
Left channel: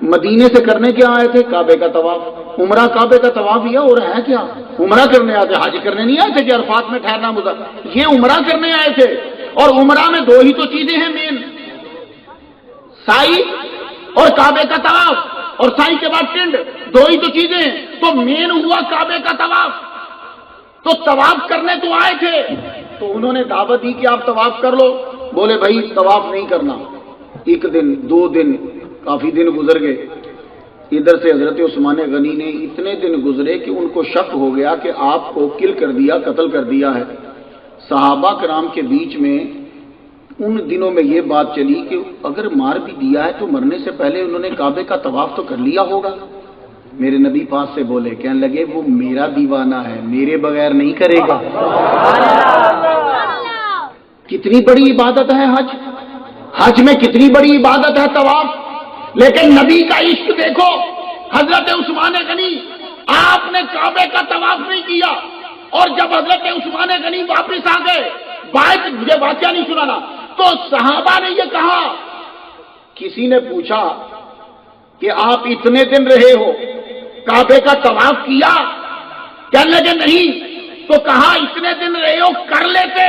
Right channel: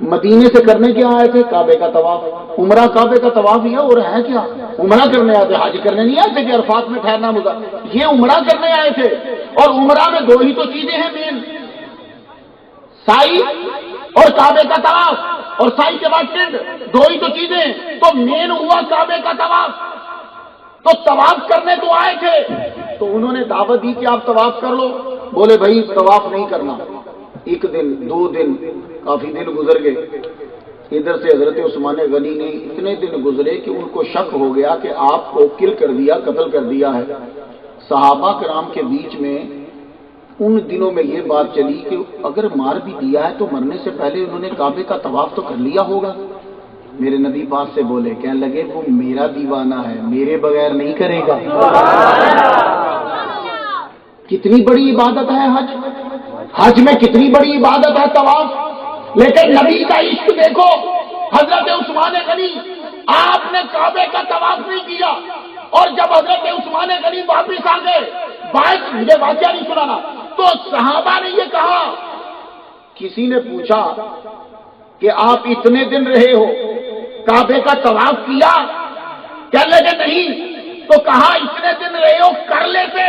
مدینے سے کرنے کیا آئے تھے؟ کعبے کا طواف. عمرہ کعبے کا طواف ہی ہے, اور ہے کیا عمرہ کرنے آئے تھے, حج کرنے نہیں آئے تھے کہ عرفات میں ٹھہرنا مدہ. یہ عمرہ کرنے آئے تھے, اور عمرہ میں 2 ہی تو چیزیں ہیں مین, سائی اور کعبے کا طواف, اور سائی کے بعد ٹنڈ, 2 ہی تو چیزیں ہیں. تو مین ہوا کعبے کا طواف. تو طواف کرنے تو آئے تھے, تو انہوں نے دعوت دی کہ آپ طواف کر لو. بولے بھائی طواف نہیں کرنا. 1 دن 2 دن کافی دن گزر گئے. ادھر سے حضرت عثمان غنی نے اتنے دن گزرے کہ ان کو شک ہو گیا کہ آپ کو قتل کر دیا ہے. صحابہ کرام کے بیچ میں ان دنوں میں یہ بات چلی کہ اگر مار بھی دیا ہے تو مرنے سے پہلے انہوں نے کعبے کا طواف تو کر لیا ہوگا. میرے نبی پاس سے بولے, کہنے لگے وہ میرا دیوانہ ہے, میرے بغیر نہیں کرے گا. کتنی بڑی عبادت ہے حج میں کتنی بڑی عبادت ہے طواف. لیکن نبی کا عشق دیکھو. حضرت عثمان غنی آپ نے کعبے کا طواف نہیں کیا, اور جب حضرت عثمان غنی واپس آ گئے, مجھے واقعہ نہیں سنانا, تو صحابہ نے یہ کہا, کسی نے پوچھا کہ آپ اتنے دن رہے ہو, کعبے کا طواف کیا؟ کہنے لگے نہیں. تو کہا اتنے دن رہے ہو کر لیتے,